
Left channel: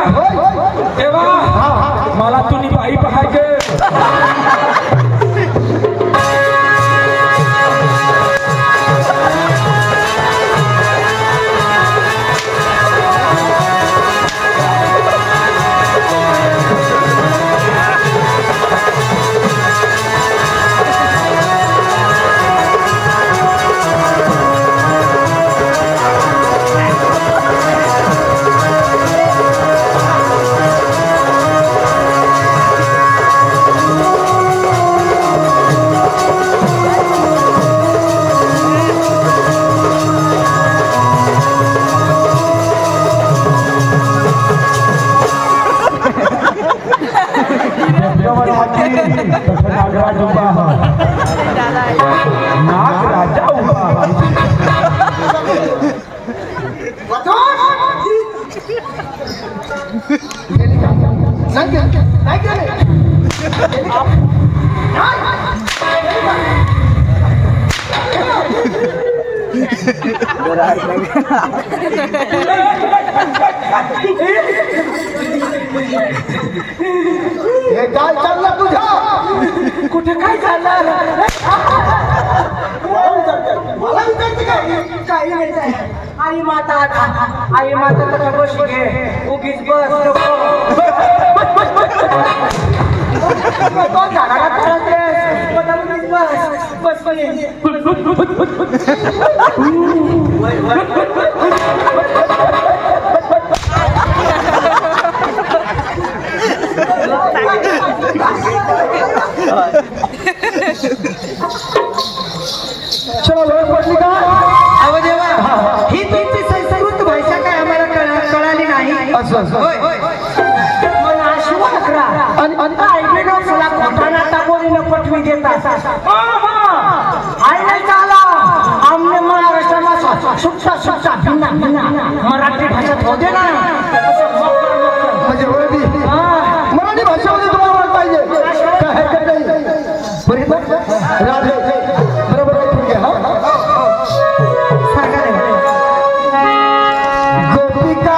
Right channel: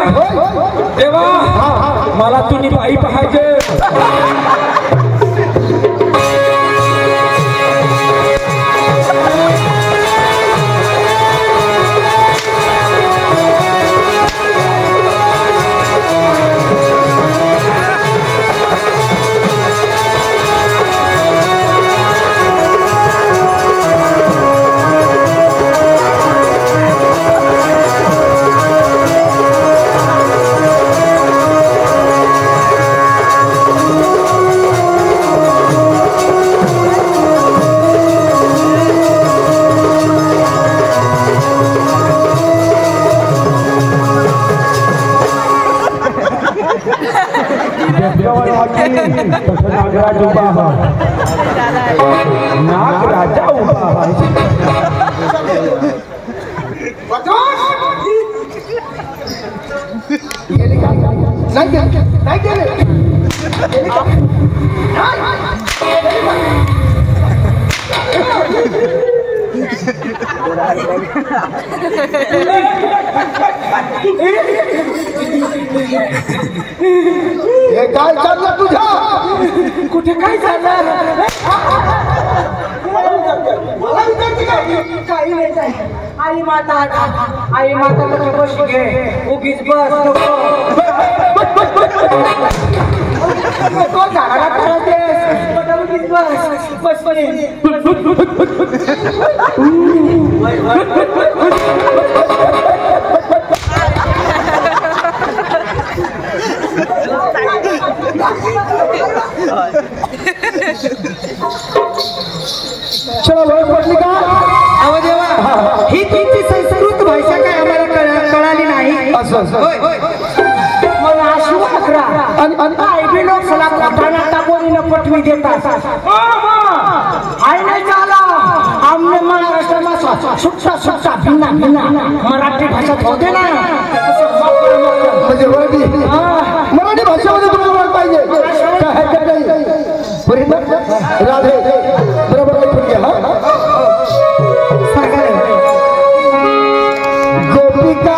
तेव्हा मला तुम्ही बाई पाहिजे नागराज उभा नागराजा उभा हे काय चाललं तुझ्या कुठे काय चाललं मला विचारते का काही नाही जाय आई माता तर बशी घे उगीच बस नको झाडाला फिरवतेस मला उगीच बस चला वेळ पडली का अहो देवा ही तुमची संस्कृत भाषा काय आम्हाला कळाली नाही असं मला आशू अकरा आणि लोक सला टागोरीनं पटवी देतात आहे नाही चाला आमने महाराष्ट्राला सुटसा भिन्ना मराठी भाषेत होते ना म्हणजे मराठी भाषेमध्ये तुम्हाला वाट पाहिजे काय हरकत नाही राधे बरोबर ऐकून घ्या गोपिका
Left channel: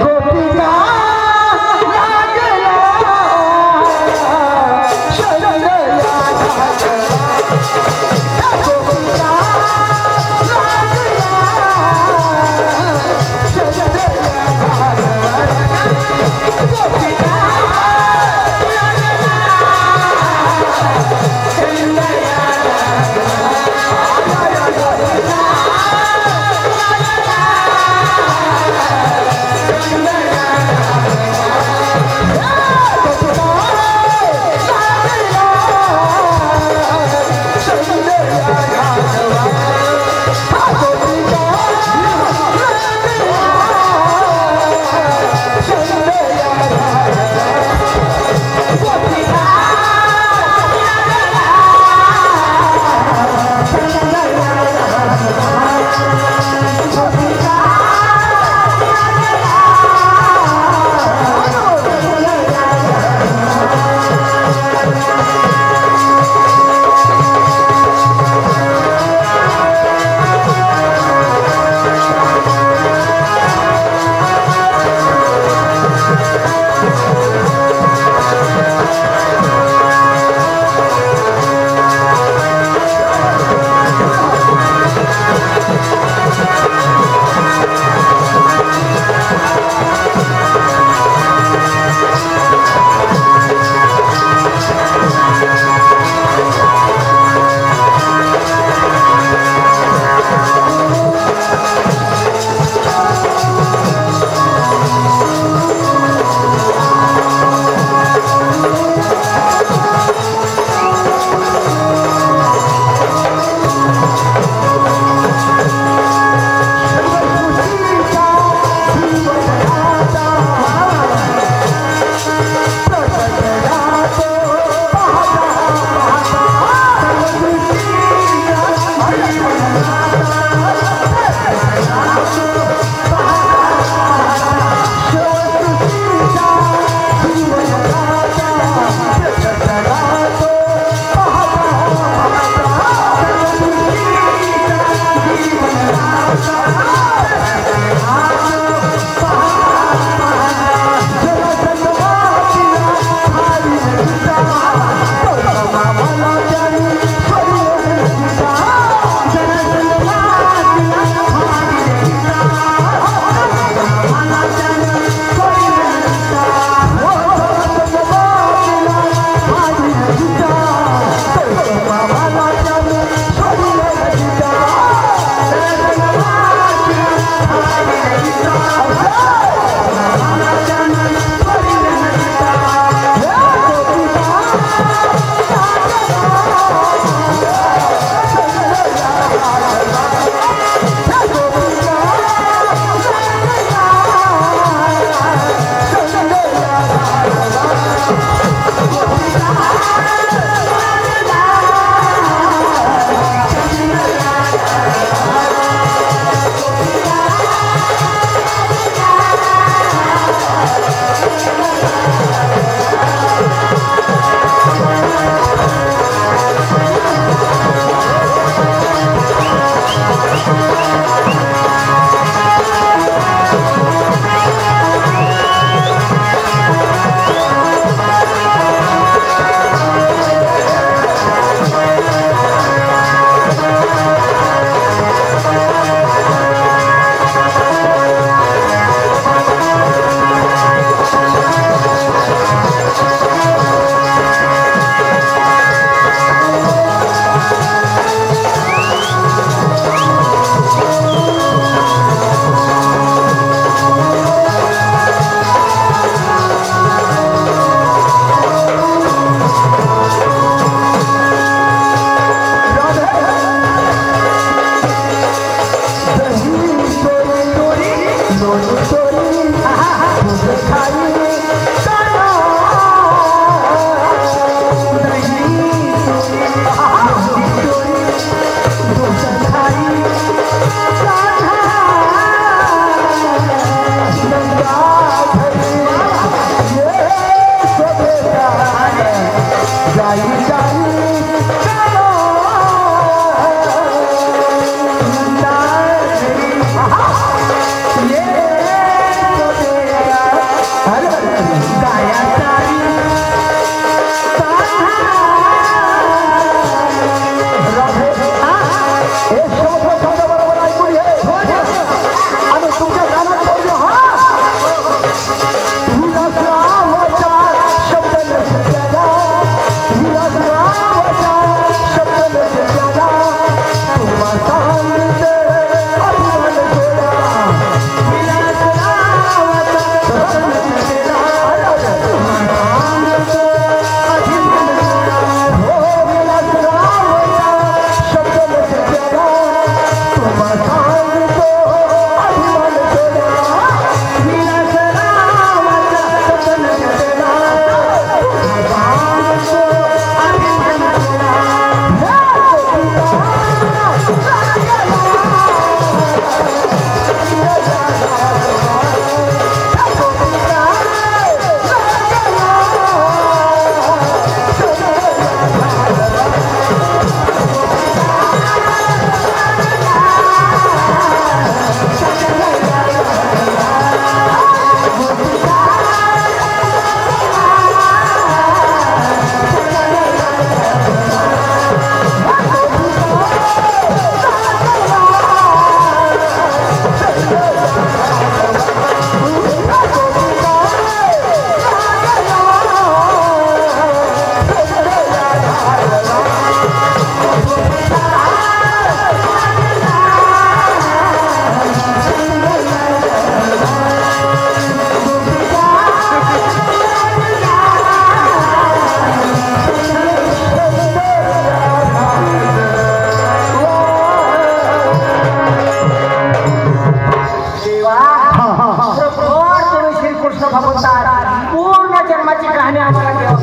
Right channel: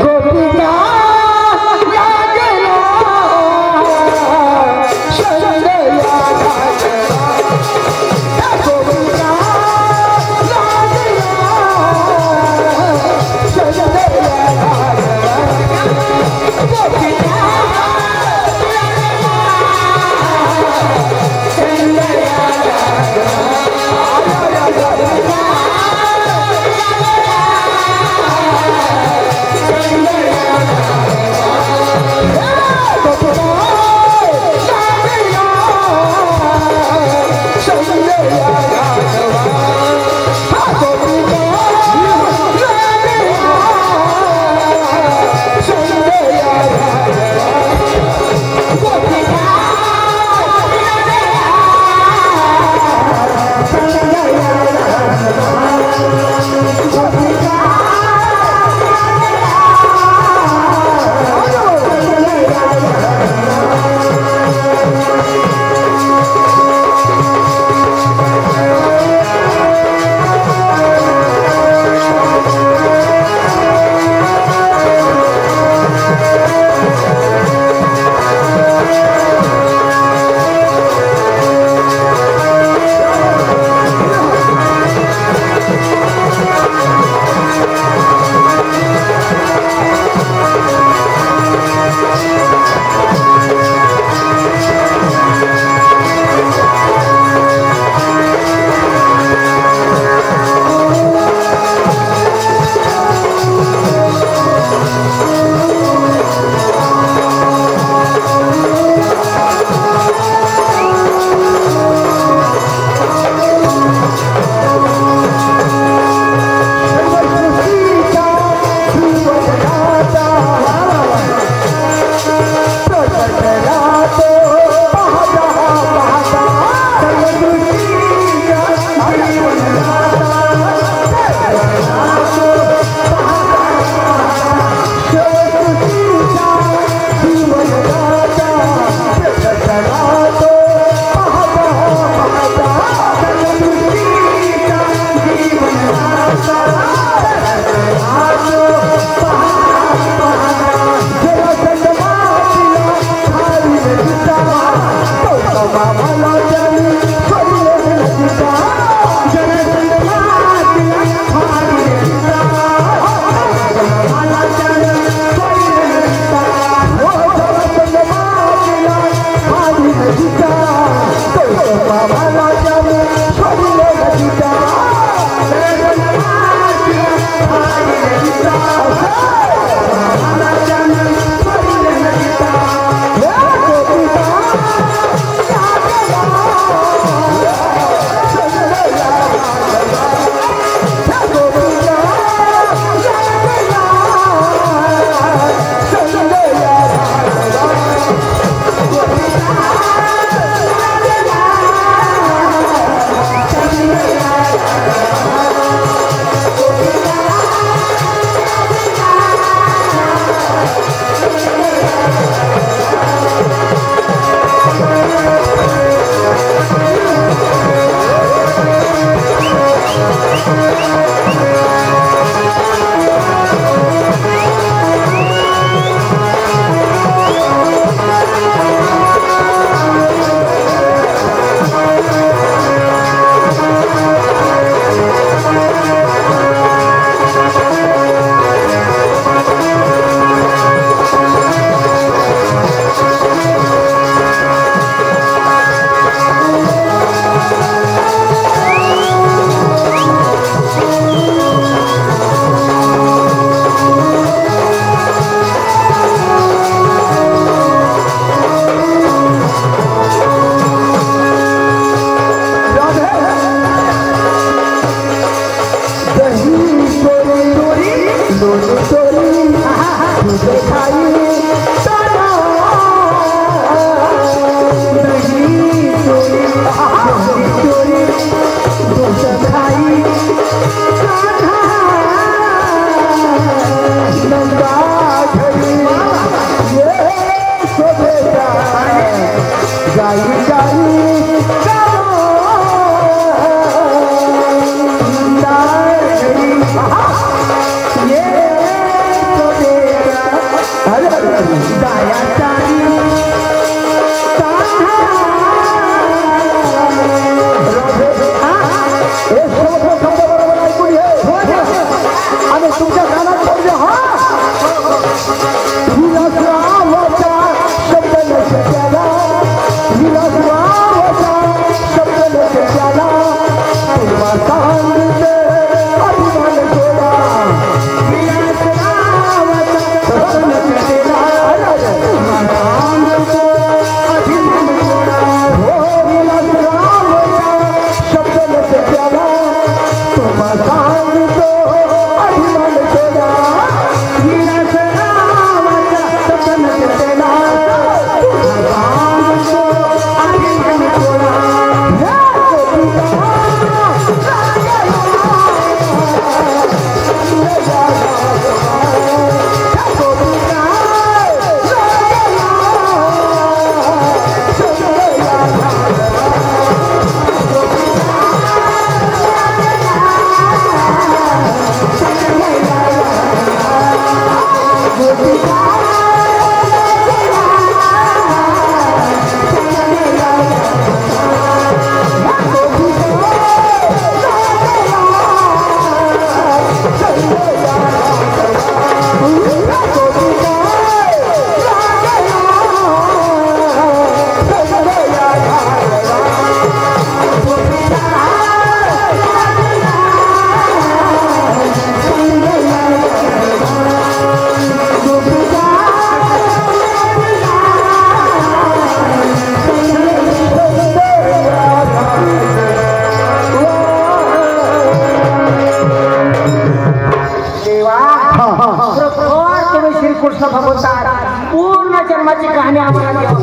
गोपिका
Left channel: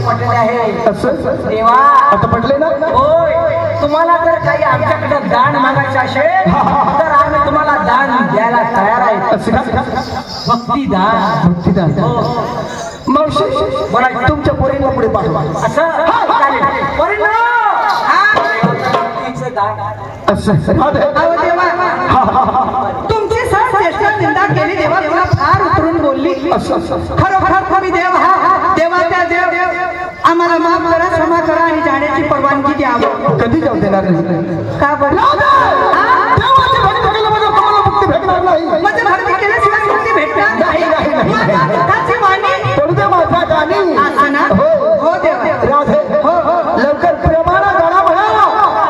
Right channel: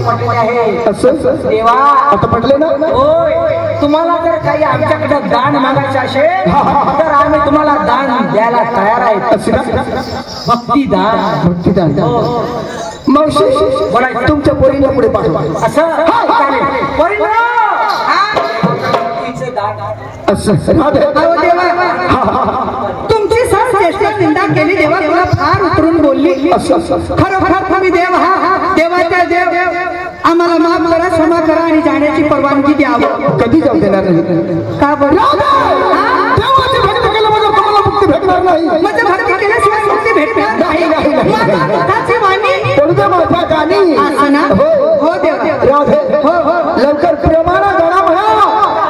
पटले आहे. असं देवा आता पटले ना? होय. तुम्हाला जर काही आमच्याकडे दान मागायचं असेल तर आम्ही तुम्हाला दान द्यायला तयार आहे. असं का? भक्तिदान. भक्तिदान. मावशी बरं, तुमच्या पोरीला पुढे पाठवा. असं चालेल. परिणाम दान. असं राधे. अहो देवा, तुमची चेष्टा निंदा केली देवा, तुला फार उतरून बोलली. असं खरोखर तुम्ही देव हा देवाच्या देव. आम्हाला माफ करा, क्षमा करा आणि जाण्याची परवानगी द्यावी. कधी जाऊ देणार नाही. का बरं? देवाची भक्ती केल्याबरोबर तुम्हाला मुक्ती भेटणार नाही. म्हणजे भक्ती केल्याशिवाय मुक्ती भेटणार नाही. माझ्या पोटाची वाणी पडू दे माझ्या गाणी. असं ना? हो देव. राधे लवकर प्रेमाला गाणा म्हणा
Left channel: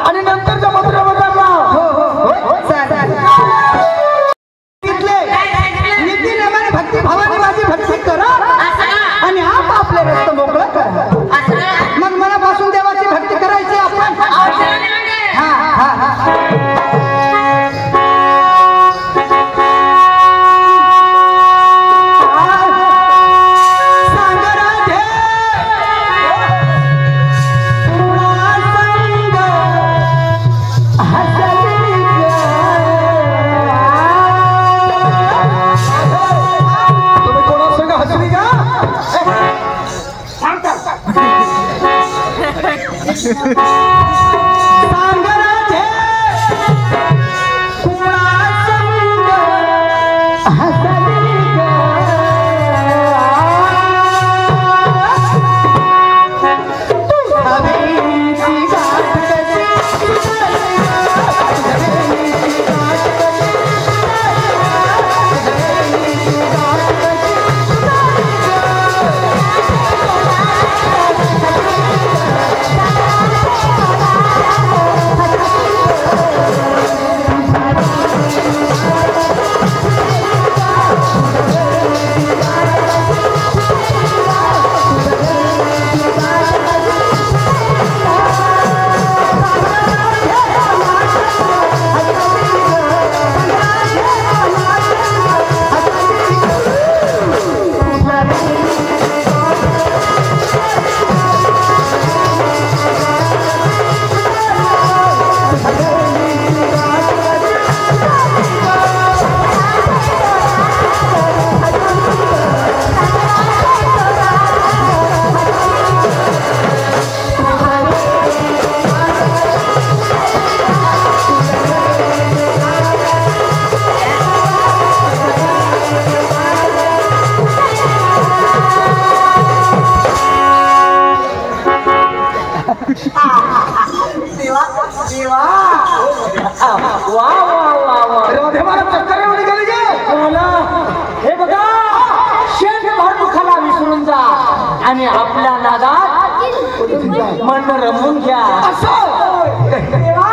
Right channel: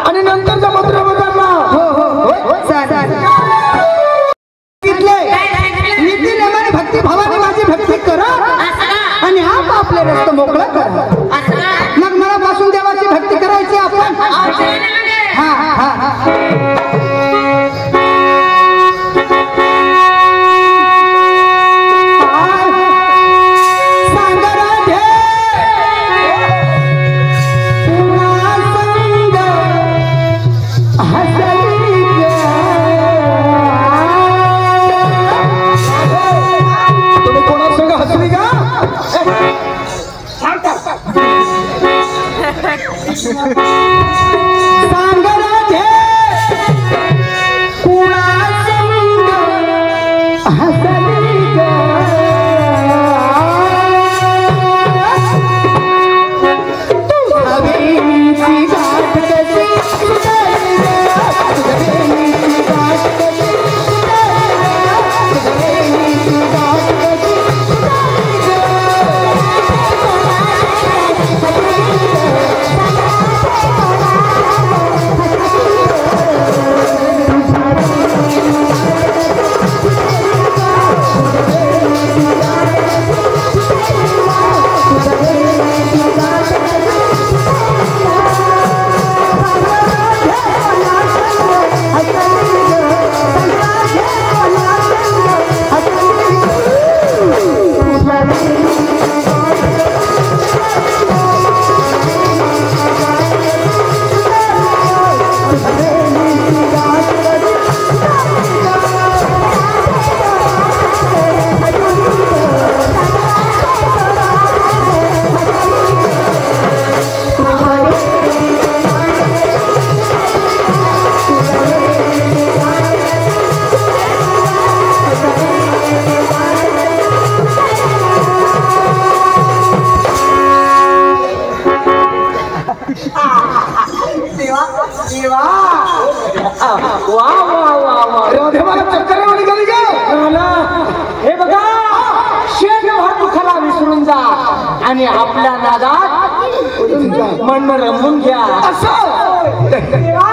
आणि नंतरच्या मंत्र बदलला. नीतीनेमाने भक्ती भावाने माझी भक्ती करा आणि आप आपले रस्त मोकळा करा. मग मनापासून देवाची भक्ती करायची आपण. देवा देवा वा वा वा वा. राधे मला चक्कर येऊन गेली ग. हे बघा, शेठ भातुखाला विसरून जा आणि आपल्या नादात मन रमून घ्या. देवा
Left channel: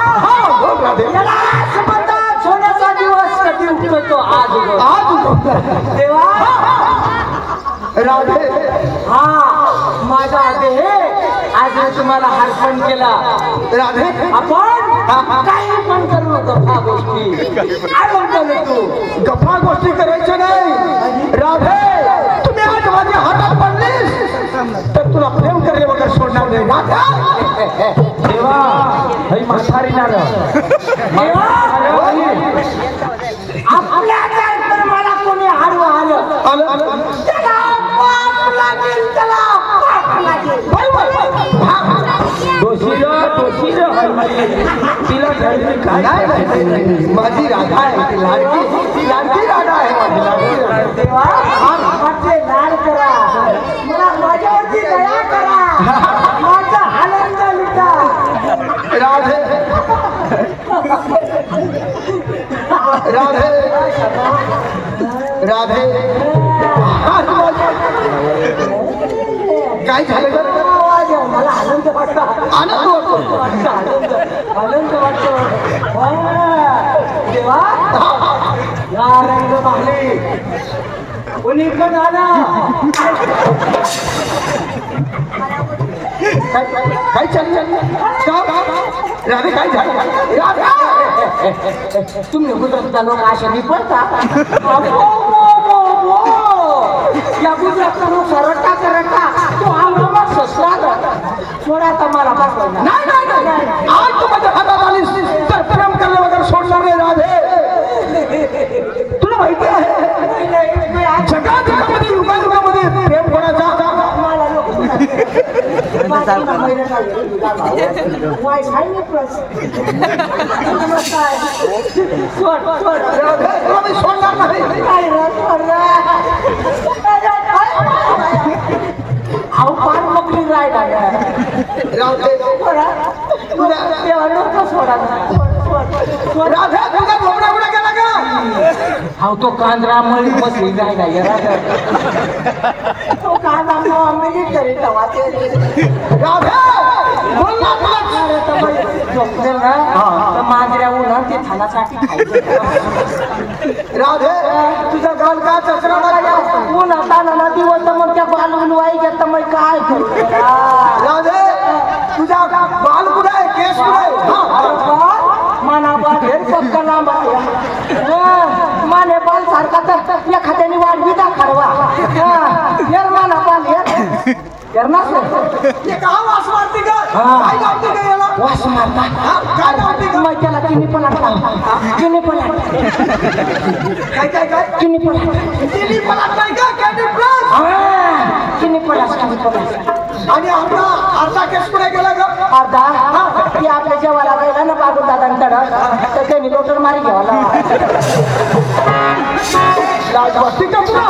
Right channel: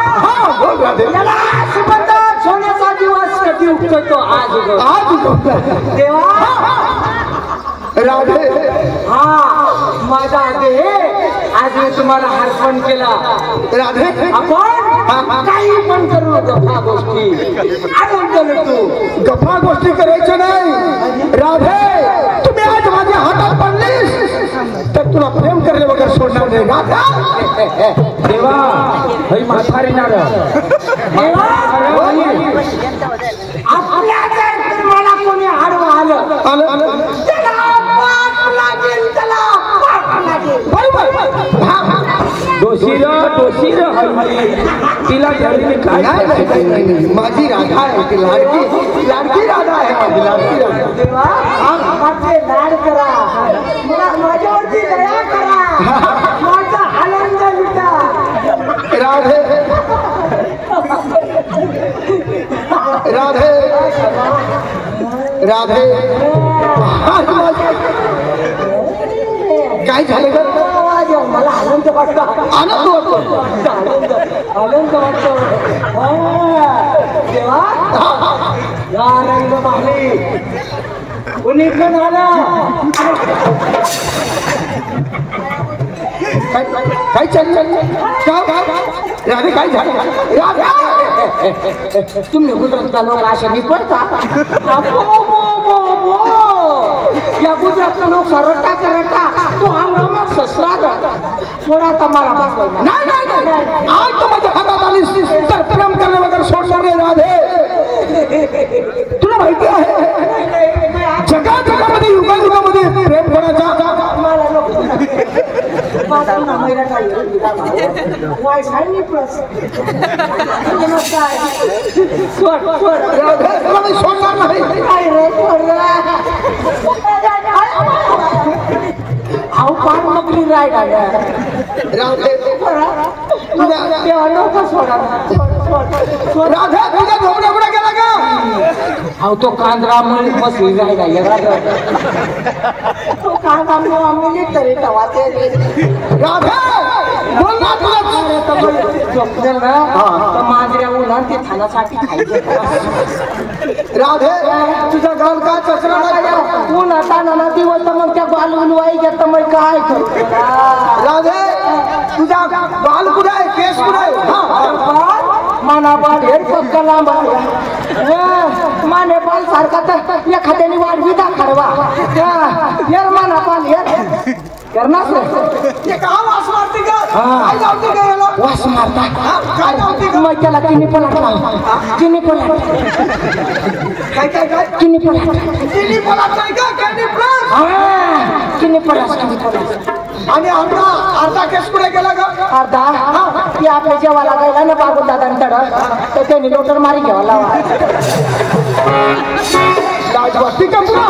बोल राधे. याला सुगंधात सोन्याचा दिवस कधी उगवतो? आज उगवतो. देवा राधे हा माझा देह आज मी तुम्हाला अर्पण केला. राधे आपण काही पण करू गप्पा गोष्टी आनंद तू गप्पा गोष्टी करायच्या नाही. राधे तुम्ही आज माझ्या हातात पडलीस तर तुला प्रेम करले वगैरे सोडणार नाही. देवा हई म्हातारी ना ग. देवा आपल्या जर मला कोणी आडवं आलं त्याला पाप लागेल, त्याला पाप लागेल. दोषीला तिला धरली काय? नाही माझी राधा आहे. ती लाडकी राधा आहे. माझी लाडकी राधा. देवा माझे लाड करा, मला माझ्यावरती दया करा, माझा आनंद लुटा. राधे राधे राधे काय झालं ग? मला आनंद वाटतो. आनंद वाटतो. आनंद वाटतो. देवा या रंग पाहले कोणी पण आला. काय चाललं? राधे काय झालं? तुम्ही गुजरातला लोक अशा निपडता. या गुजरातला लोक रटा तो आरामात थोडा आता मला बसवाय ना. नाही नाही नाही आज तू माझ्या हातात आलीस तर प्रेम करणं वगैरे सोडणार नाही राधे. तुला माहिती आहे जगामध्ये युगायुगामध्ये प्रेम कोणाचा मला नको महिना काय वाय खायनी प्लस सोड सोड राधे तुला मी सोडणार नाही. काय रे सोड अहो फार मगरी राहिला राधे तुझ्या देवा नको सोडा राधे तुझा झोपडा कुठे गेला का. अहो तो कांद्रा मळी बसली राहिला तो कांदा मिलिटरी तवाचे राधे बोल ना तुला झोपलेल ना तर मांजऱ्या उन्हा ते थानासाठी खायचे राधे तुझा गाल का चचरा लागला. उन्हा ताना दिवस तर मग त्या बालून वाई घेत मग काय करू राधे तुझा बाल कुठे आहे केस कुठे आहे. माना बाल हे कला माने बाल सारखा तर एखाद्याने वाढवी दाखवा माना बाल हे करणार ते का वास मारते का काय लावते का याला वास मारतात काय लावते का मग त्याला किनी पण किनी पण काय काय काय किनी पण तिन्ही पलाट नाही का कॅन्डी प्लस किनी पण किनी पण आणि अर्धा केस कुठे गेला का. अर्धा ती आपल्या जेवायला गायला ना बागून दादा तर त्यांनी लोटर मारी घ्यावा लाजवाटी का तुला.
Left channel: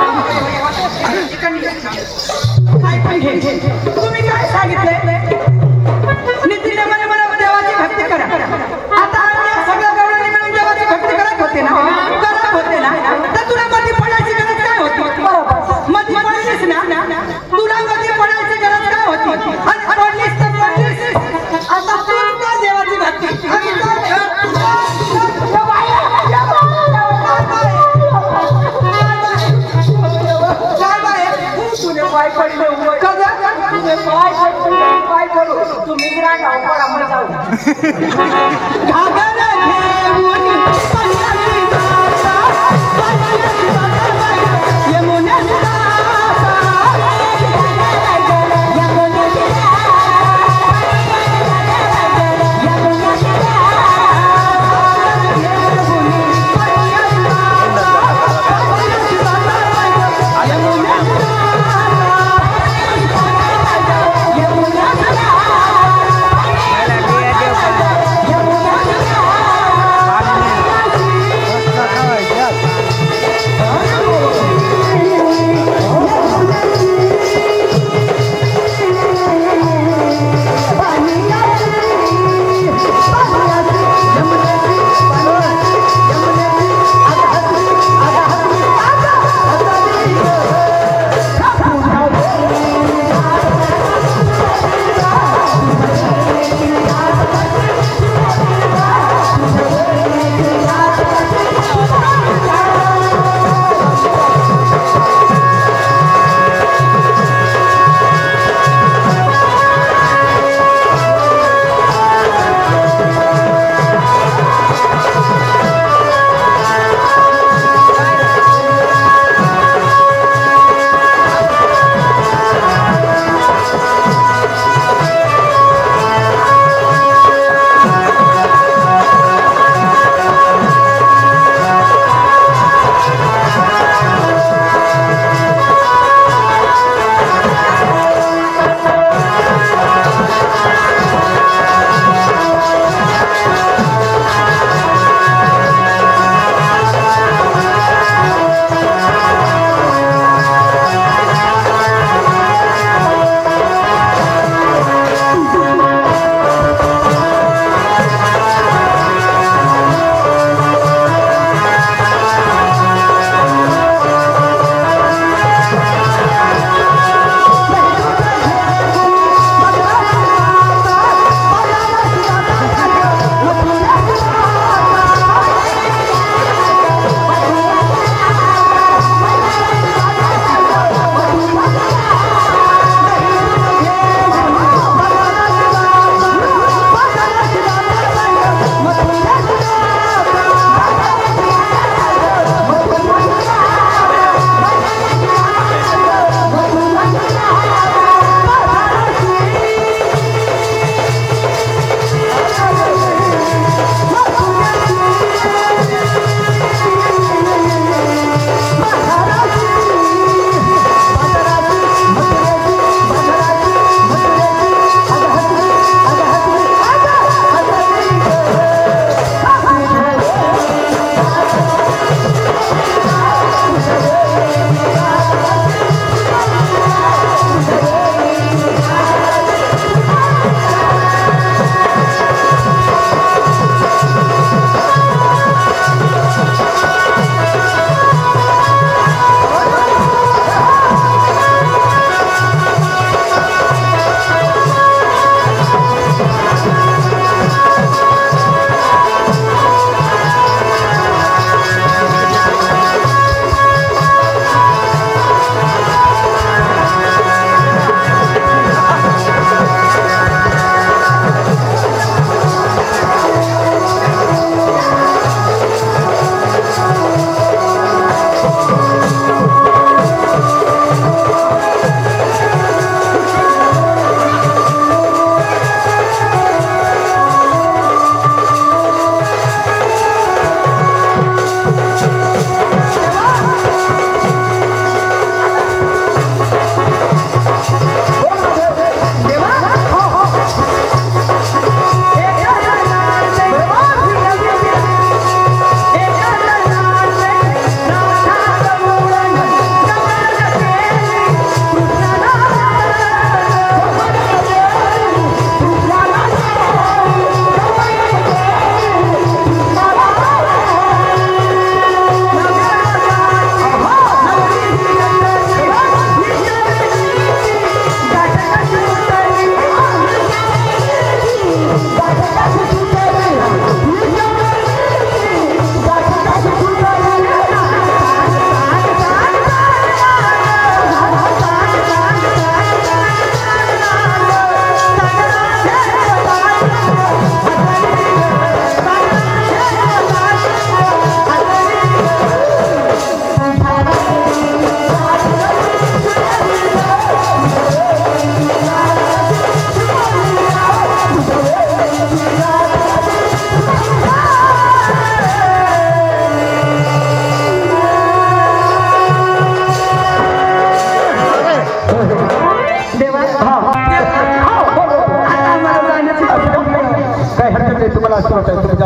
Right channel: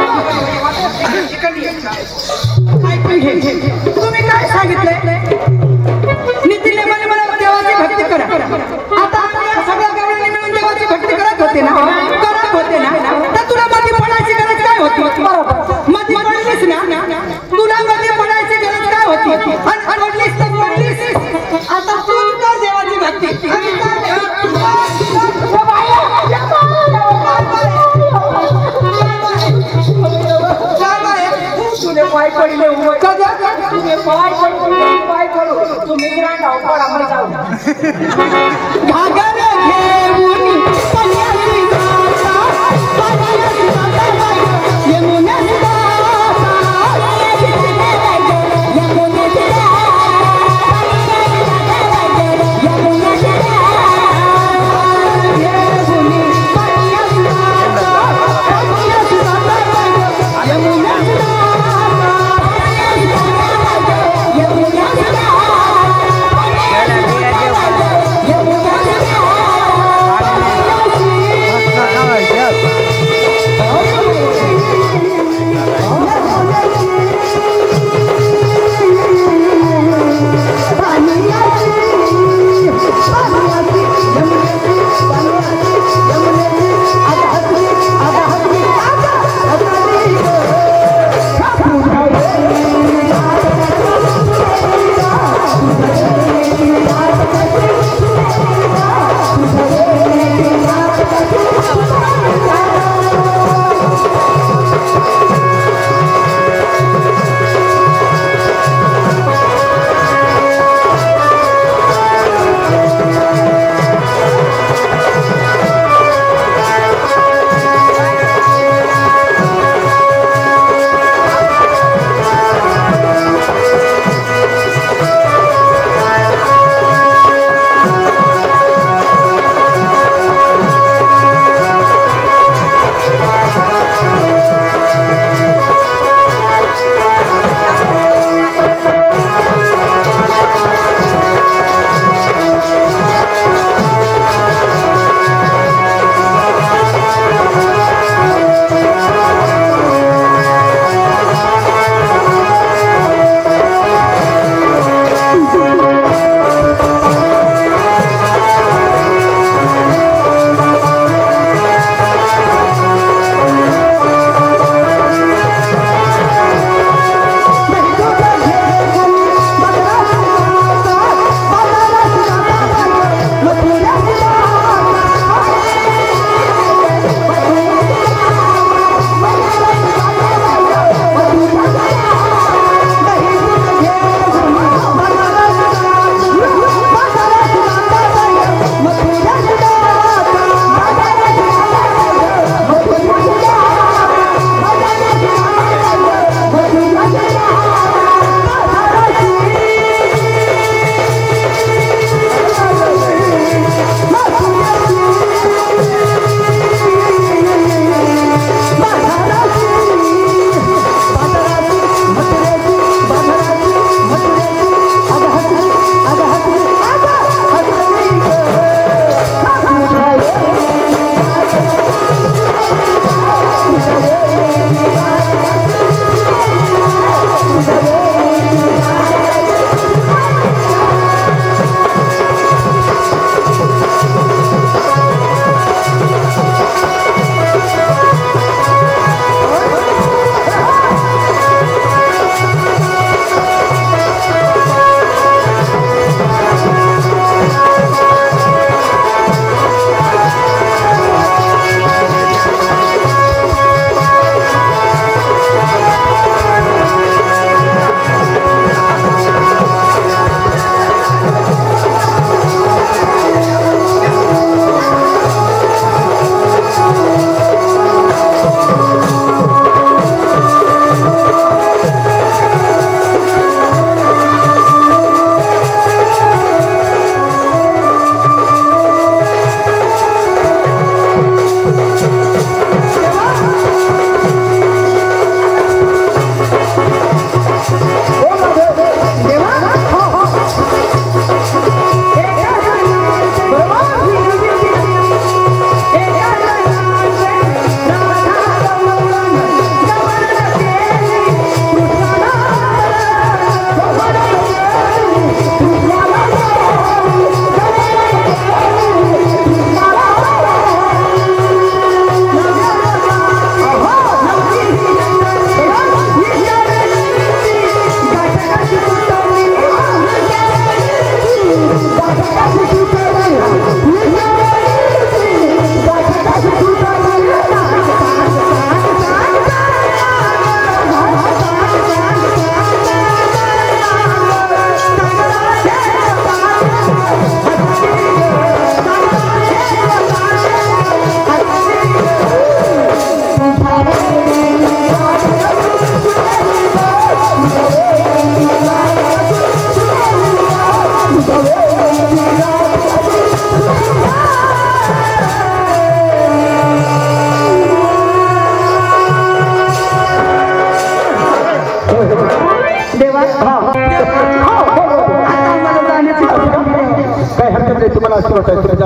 तुम्ही काय सांगितलंय नितीने मला देवाची भक्ती करा. आता या सगळ्या गवळणी मिळून देवाची भक्ती करत होते ना तर तुला मध्ये पडायची गरज काय होती. बरोबर मध्ये पडलीस ना तुला मध्ये पडायची गरज काय होती आणि पडलीस तर पडलीस. आता तू कर देवाची भक्ती पाय पडले पाय पडू तुम्ही पडा मग जाऊ घागर घेऊन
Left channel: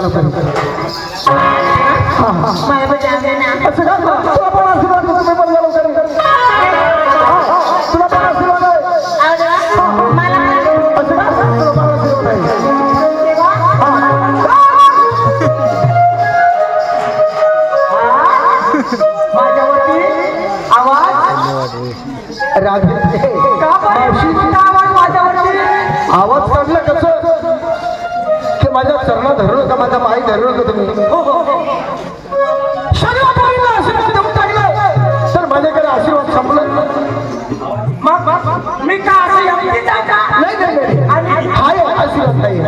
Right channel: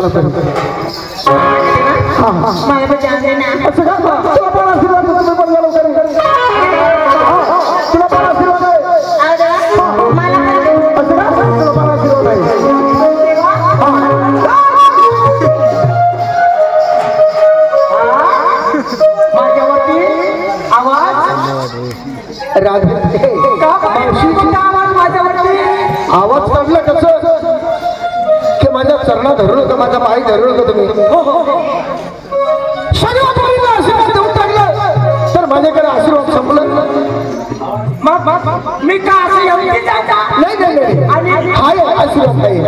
चला चला माझं जाणे ना असं का तुला पण आशीर्वाद देतो, मी पण झालो तरी. तुला पण आशीर्वाद आहे. मला असं का तुला पण आशीर्वाद आहे. माझ्यावरती आवाज राधे आवाज माझ्यावरती आवाज काढला कसं की माझ्या चरणा धरलं का माझ्या पायी धरलं का तुम्ही शरीराला आशीर्वाद देऊन टाकलं तर माझ्याकडे आशीर्वाद संपलं. मी का असं एवढी जाता नाही नाही नाही हाय आशीर्वाद नाही.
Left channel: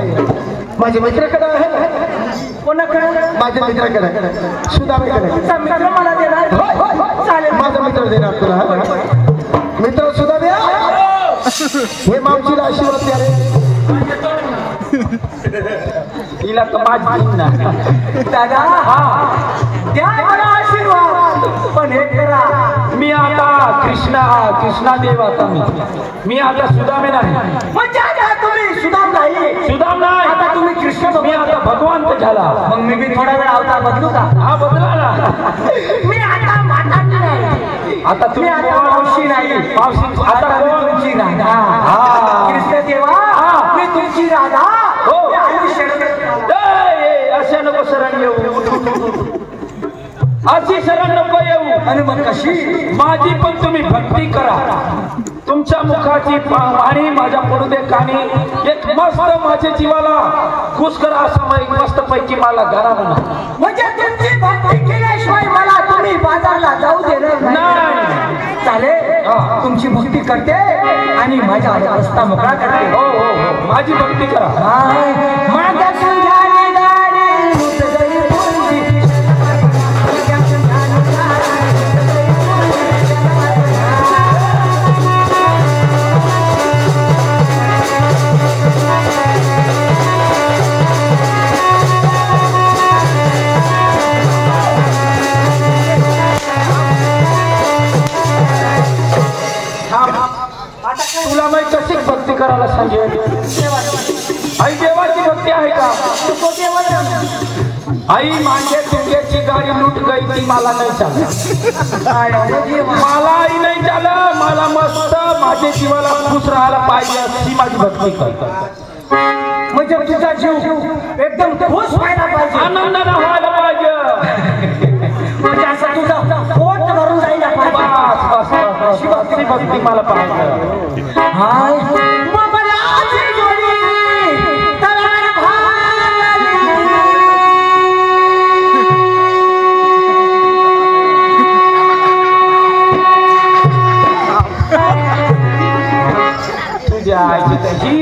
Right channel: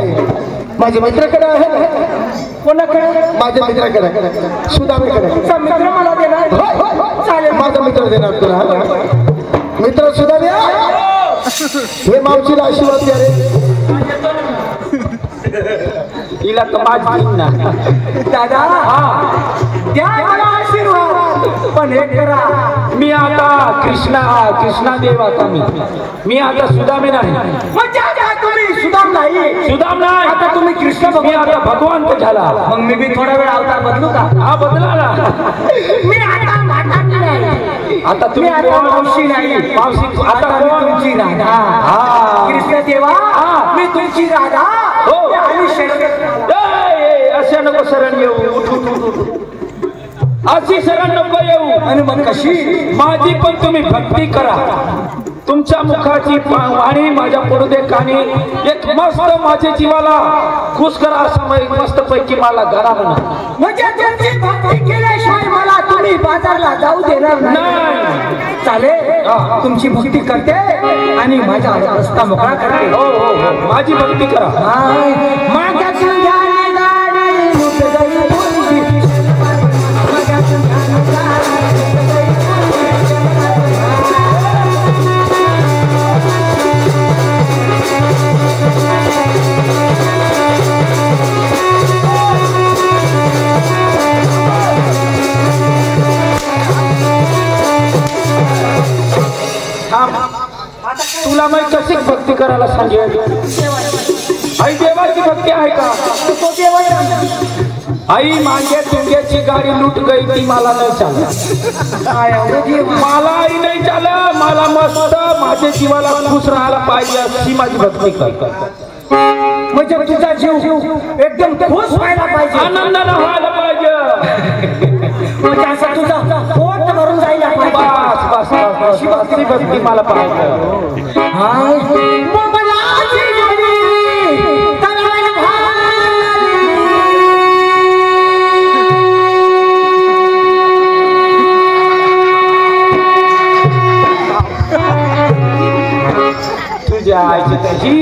माझ्या मित्राकडे आहे ना, कोणाकडे माझ्या मित्राकडे सुदामीकडे. तुमचा मित्र मला देणार चालेल. माझा मित्र देणार तुला. मित्र सुद्धा द्या. हे मावशीला आशीर्वाद द्या रे. हिला तर माझी ना दादा द्या मला आशीर्वाद, पण हे करा मी आता कृष्णा देव आता मी आता सुदामे नाही. म्हणजे आता तुम्ही सुदाम नाही, सुदाम नाही, आता तुम्ही कृष्ण मी आता भगवंत झाला. मग मी बी थोडा वेळ अवतार बदलू का? हा बदला ना. मी आता म्हातारी नाही, आता मी तुम्ही आता मावशी नाही, मावशी आता आता मी तुमची राधा. कृष्ण देवा मी तुमची राधा. हो. मी आयुष्य असे नको शरण येऊ, अशी शरण नको येऊ. आणि मग कशी? माझी पण तुम्ही भक्ती करा. तुमच्या मुखाची वाणी माझ्या पडू दे कानी. एक मस्त माझ्या जीवाला खुश करा असं मस्त पैकी मला घरा म्हणा. म्हणजे तुमची भक्ती केल्याशिवाय मला तुम्ही बाजारला जाऊ देणार नाही. चालेल, तुमची भक्ती करते आणि माझ्या रस्ता मोकळा करते. हो हो हो माझी भक्ती करा. माझ्या तुझ्याने गाडी मुठगई तुझी. तुला मी कशी भक्ती करायला सांगेल? आई देवाची भक्ती आहे का? आई माझ्या तुंग्याची गाडी लूट गई ती मला नाही चालत. मला आई नाही चालत. मला मस्त माझ्या जीवाला खुश राहायला पाहिजे अशी माझी भक्ती करतो. म्हणजे तुझा जीव एकदम खुश व्हायला पाहिजे, आनंदाने व्हायला पाहिजे. म्हणजे असं तुझं पोट भरून जायला पाहिजे. बस बस अशी भक्ती मला पाहिजे. तुझ्या आईची त्याची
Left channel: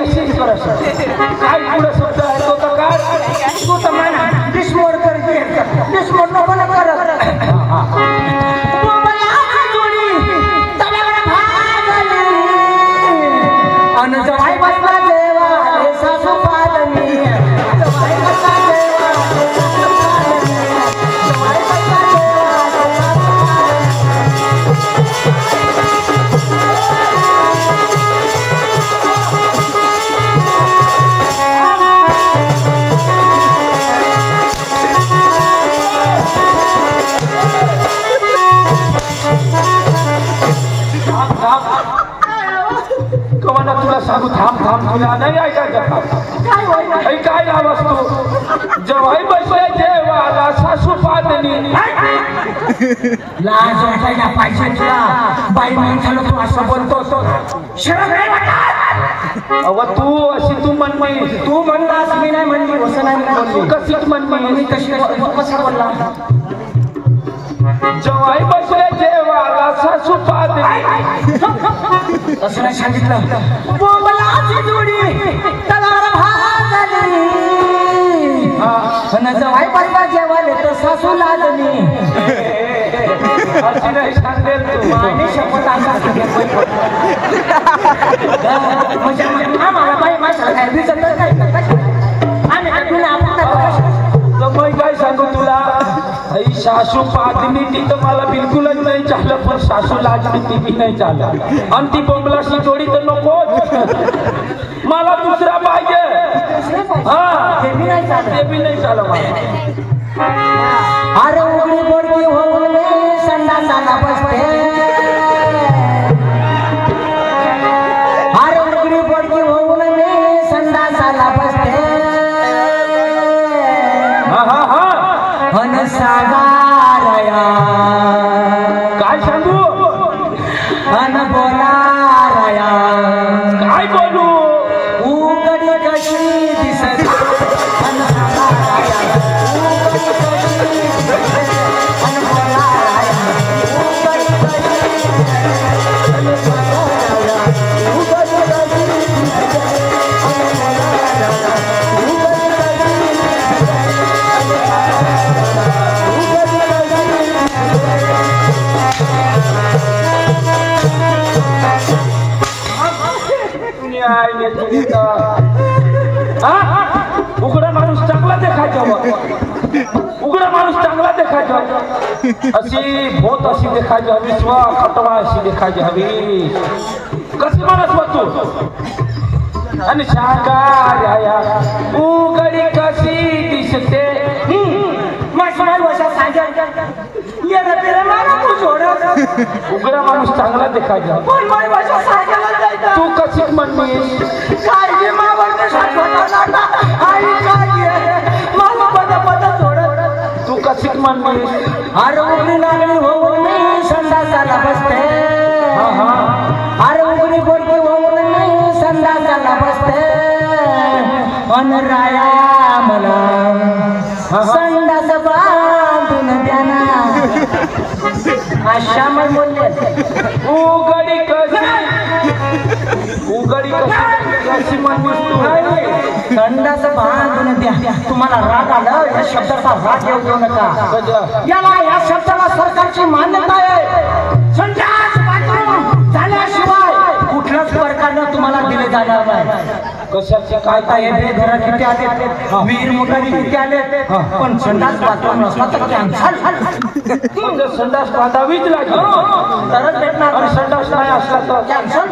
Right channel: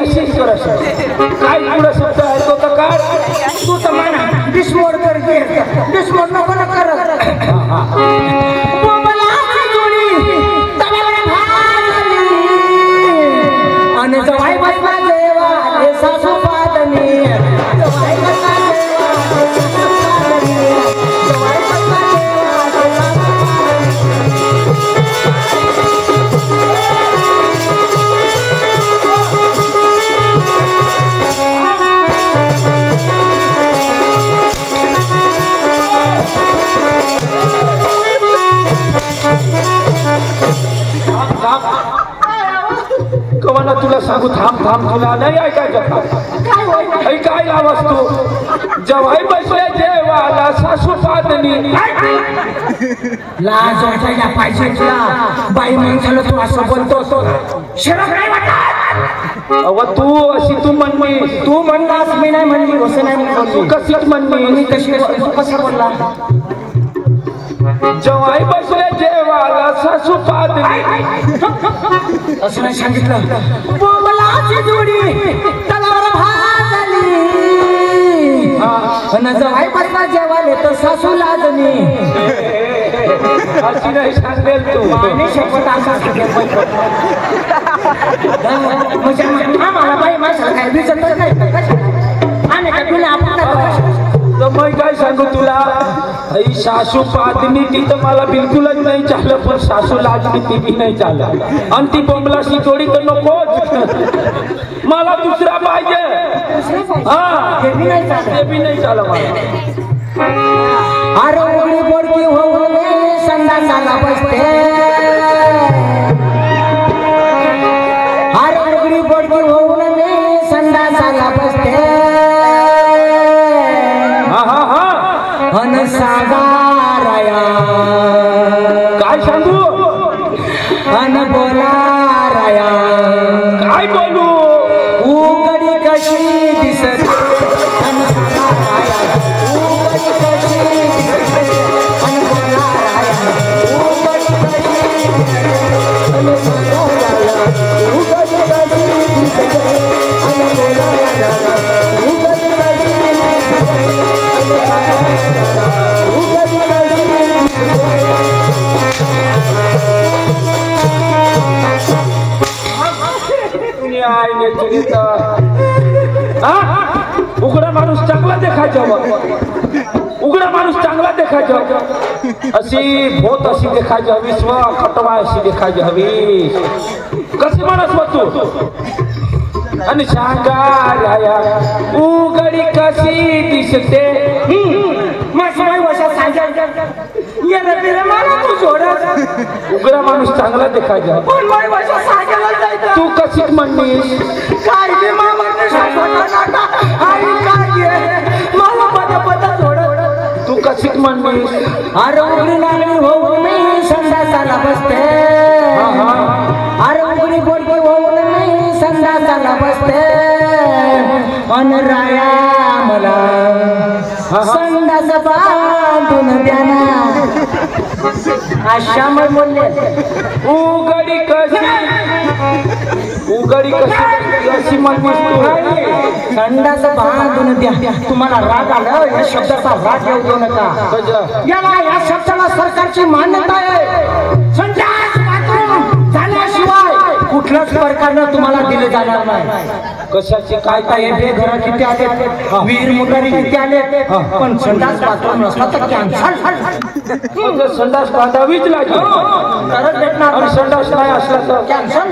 अशीच कर काय पुढं शब्द आहे तो तर काय तू तर म्हणा डिस्मोड कर डिस्मोड नको ना करत. अन जवाई बसला देवा हे सासू पादनी. जवाई बसला देवा हे सासू पादनी. जवाई बसला देवा हे सासू कवाना तुला सांगू थांब तुला नाही ऐकायचं. काय आवाज तू जवाई बसले जेवाला सासू पादनी. लाज वाटायला पाहिजे तुला. बाई माणसाला तू असं बोलतो शरम नाही वाटत? अव तू अशी तू म्हणली. तू म्हणलास मी नाही म्हणली. असं नाही म्हणली. कशीच म्हणली. मी कशी तू कसा बोलला? जवाई बसले जेवाला सासू पादनी. असं नाही सांगितलं. बोबलाची जोडी तलवार भाजली. जवाई बसला जेवाले तर सासू लाजली. अशी नाही सांगेल तू. आणि शपथ असं सांगेल. म्हणजे मला बाई माणसाला काय दिसत नाही. आम्ही काय तुला आपण तर मग काय सांगू तुला. आई सासू पादनी ती तर मला बिलकुलच नाही चालत. पण सासू लाजली ती बी नाही चालत. आणि ती बोंबलाशी जोडी तर नको मला दुसरा पाहिजे. दुसरे पाहिजे हा ते बी नाही चालत ते बी नाही चालत अरे उघडी बोडकी होऊन मी संडासाला बसते अरे उघडी बोडकी होऊन मी संडासाला बसते अन सागाराया काय सांगू अन बोलाराया काय बोलू उघडी कशी दिसते उघडा माणूस चांगला देखायचा उघडा माणूस चांगला देखायचा अशी भोत अशी देखायची हवी स्व खटवा अशी देखायची हवी कशी माणूस बघतो आणि शांगाराया उघडी कशी दिसते उघडा माणूस चांगला देखायचा तू कशी म्हणलीस तू कशी म्हणलीस अरे उघडी लागली होऊन मी संडासाला बसते अरे उघडी बोडकी होऊन मी संडासाला बसते अन राया मला संडास बांधून द्या ना अशा मी बोलले उघडी कशी म्हणलीस तू संडास बांधून द्या तुम्हाला राग आला या शब्दाचा राग येऊ नका याला या शब्दाला सरकारची मान्यता आहे संडास बाथरूम झाल्याशिवाय कुठल्याच प्रकारनं तुम्हाला दिले जाणार नाही कशाचे काय हे बेघर किती आले वीर मुगारी किती आले पण संडास बाथरूम नसला तर कॅन्सल संडास बांधावीच लागेल तरच भेटणार आणि संडास नाही असला तर कॅन्सल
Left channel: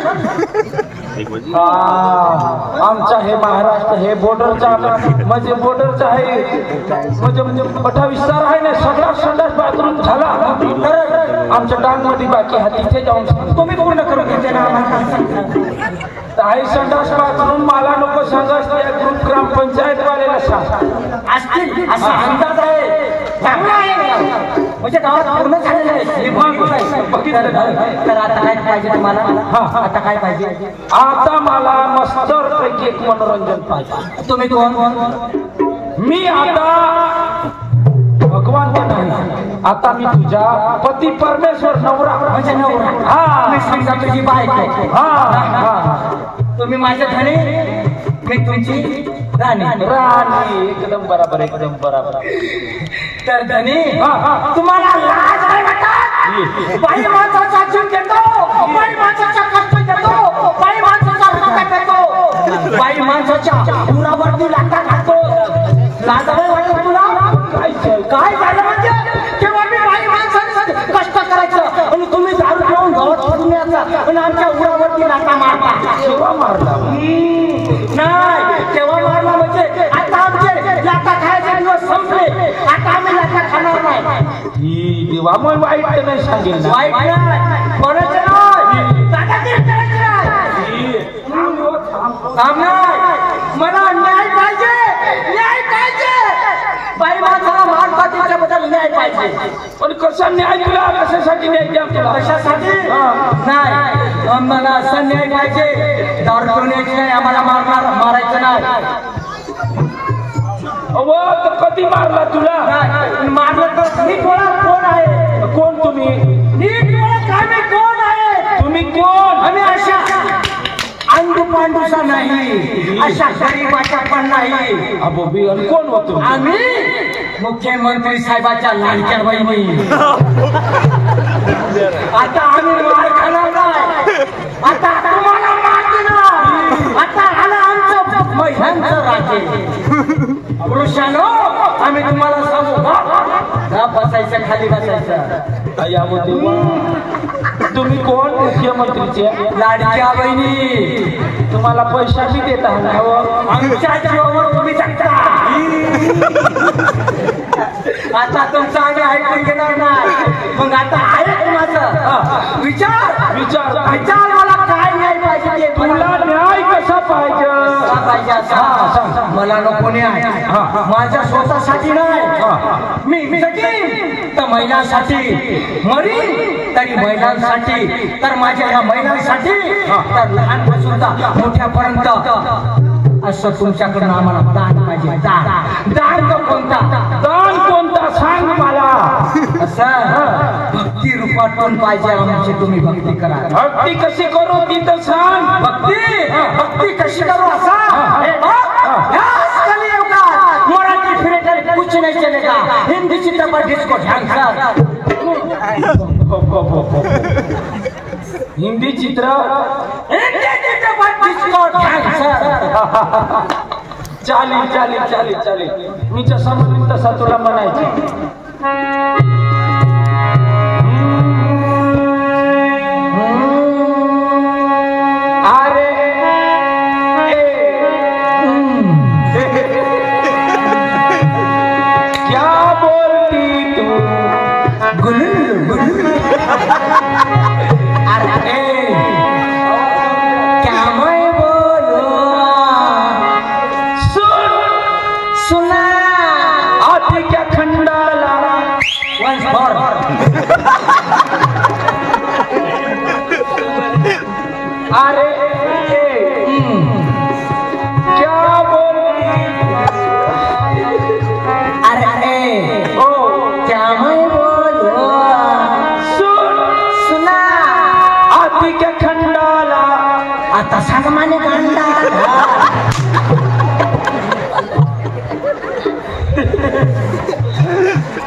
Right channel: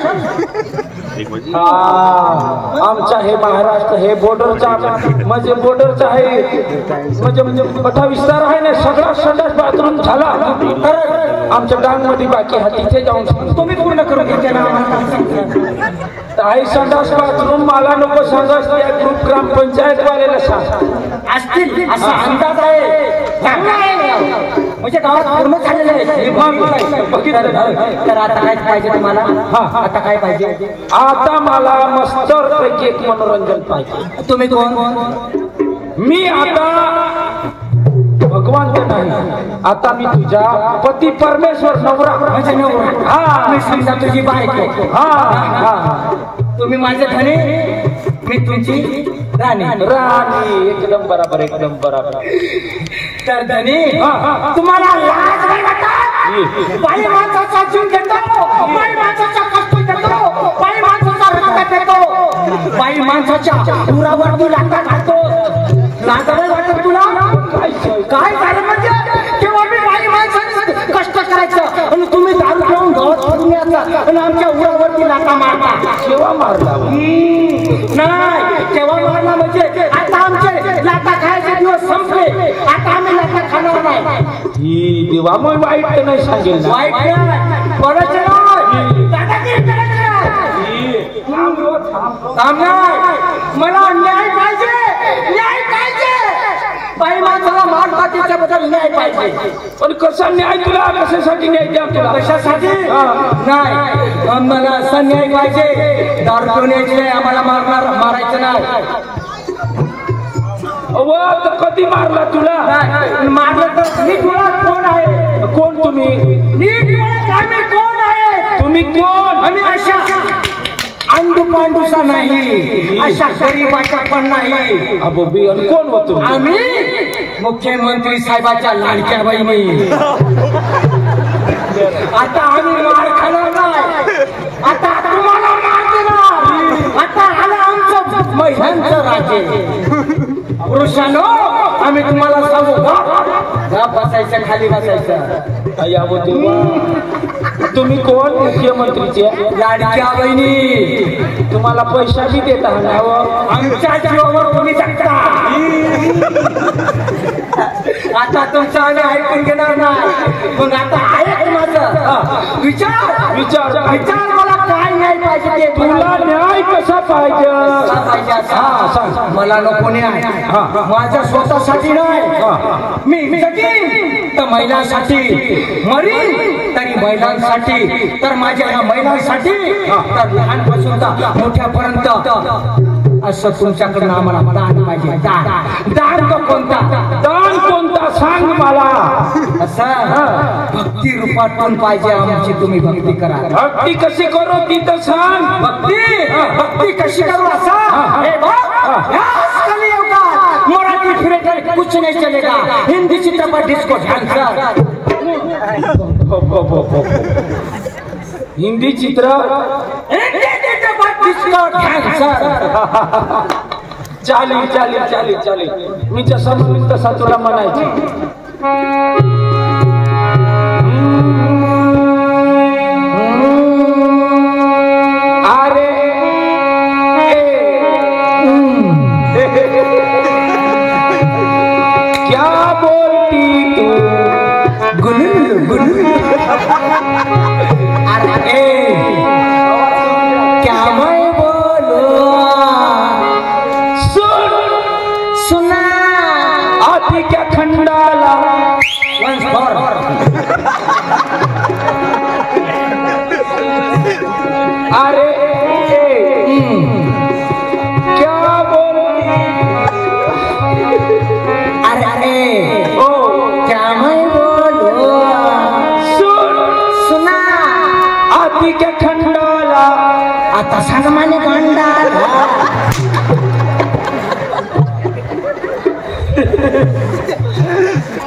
आमचा हे महाराष्ट्र हे बॉर्डरचा म्हणजे बॉर्डरचा आहे म्हणजे मोठा विस्तार आहे ना सगळा संडास बाथरूम झाला आमच्या गावामध्ये बाकी हा तिथे जाऊन तुम्ही पूर्ण करून घेतले ना आई संडास बाथरूम मला नको संडास त्या ग्रुप ग्रामपंचायत वाल्याला सांग असतील असा अंदाज आहे चांगला आहे म्हणजे गावात पूर्ण झालेलं आहे तर आता काय पाहिजे तुम्हाला आता काय पाहिजे आता मला मस्तर पैकी एक मनोरंजन पाहिजे तुम्ही कोण मी आता भगवान नाही आता मी तुझा पती परमेश्वर नवरा म्हणजे नवरा हा मी समजा तुझी बायको हा तुम्ही माझे धनी मी तुमची राणी राणी एकदम बरोबर तर धनी तुम्हाला लाज नाही वाटत बाई माणसाचा जीव घेतो बाई माणसाचा कष्ट घेतो बाई माणसाचा रक्त घेतो बाई माणसाच्या उरावरती लाटा घालतो लाज नाही वाटत तुला काय झालं म्हणजे तेव्हा मी बाई माणसाने कष्ट करायचं आणि तुम्ही दारू घेऊन गावात पडून यायचं आणि आमच्या उरावरती लाटा मारता केव्हा मारला नाही तेव्हा मारला म्हणजे आता आमचे लाटा खायचे दिवस संपले आता आम्ही लाटा खाणार नाही ही देवा मग वाईट तर नाही सांगेल ना. वाईट नाही कोणाचं नाही दादागिरी करायची नाही थांब नाही मला न्याय पाहिजे बाई माणसाला मान पाठीच्या बद्दल न्याय पाहिजे पण कसा न्याय तुला कशासाठी न्याय द्या तुला कशासाठी नाही आम्हाला असा न्याय पाहिजे दारू पिऊन यायची नाही आम्हाला मारायचं नाही अव तर कधी मारला तुला मारलं तर नीट बोला कोण आहे कोण तुम्ही नीट बोला आम्ही कोण आहे तुम्ही कोण आम्ही अशा अंडू पांडूसा नाही अशा गरीबाच्या पण नाही अबोबी आणि कोण होतो आम्ही मुख्यमंत्री साहेबाच्या लाडक्या बहिणी आता आम्ही मार खाणार नाही आता तुम्हाला मार देणार आता आला आमचं महिलांचं राज्य पुरुषांनो आम्ही तुम्हाला सांगू का बसायचं बसायचं खाली बसायचं. अय्या गो तुम्ही कोण मुख्यमंत्रीचे लाडक्या बहिणी तुम्हाला पैसा बी देता आमच्या जीवावर तुम्ही टाकता. आता तुमचं आम्ही ऐकून घेणार नाही. मग आता ऐक माझं विचार विचार विचार मला काय न्याय पाहिजे ते तुला न्याय कसा पाहिजे पाहिजे असा मला नको न्याय. माझ्या स्वतःसाठी नाही. मी जगीन तर महिलांसाठी, मरीन तरी महिलांसाठी, तर माझ्या ह्या महिलांसाठी, तर लहानपासून तर मोठ्यापर्यंत असं तुमच्याकडनं आम्हाला दान पाहिजे. दान दान कोणता दान कोणता सांग मला. असं भक्ती रूपात पण पाहिजे आमची. तुम्ही भक्ती करा. भक्ती कशी करू ती तर सांग. भक्ती कशी करू असा मराठी फिरेटर कुछ नहीं चलेगा. हिंदी चित्रपट डिस्को डान्सर. हिंदी चित्रपट डिस्को डान्सर. चालेल चालेल चालेल चालेल. मी जसा म्हणेन तसा तुला म्हणायचं.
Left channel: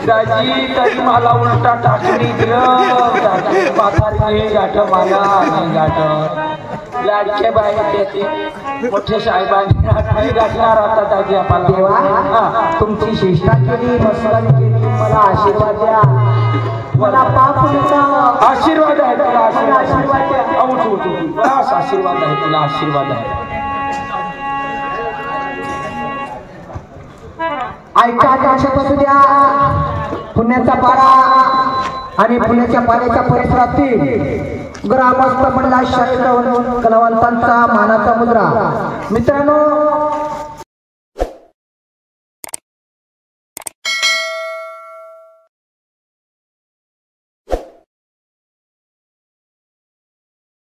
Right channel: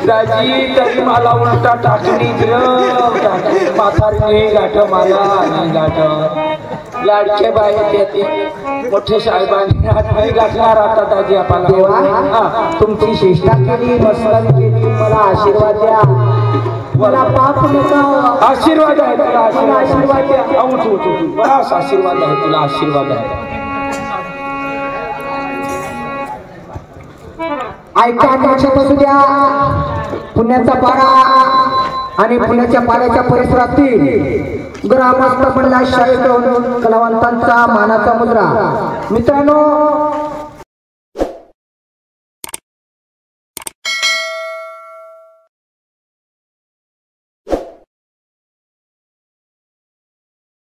दाजी तरी मला उलटा टाकली गाठो मला लाडके बाई देते मोठे साहेबांनी गाठणार आता दाजी आपल्याला. तुमची चेष्टा केली, मस्करी केली, मला आशीर्वाद द्या. मला पाप नका. आशीर्वाद आहे तुला. आशीर्वाद द्या. बस आशीर्वाद आहे तुला. आशीर्वाद आहे. ऐका लक्षात असू द्या. पुण्याचा पारा आणि पुण्याच्या पाण्याच्या परिसरातील ग्रामस्थ मंडळात शाळेत कलावंतांचा मानाचा मुद्रा. मित्रांनो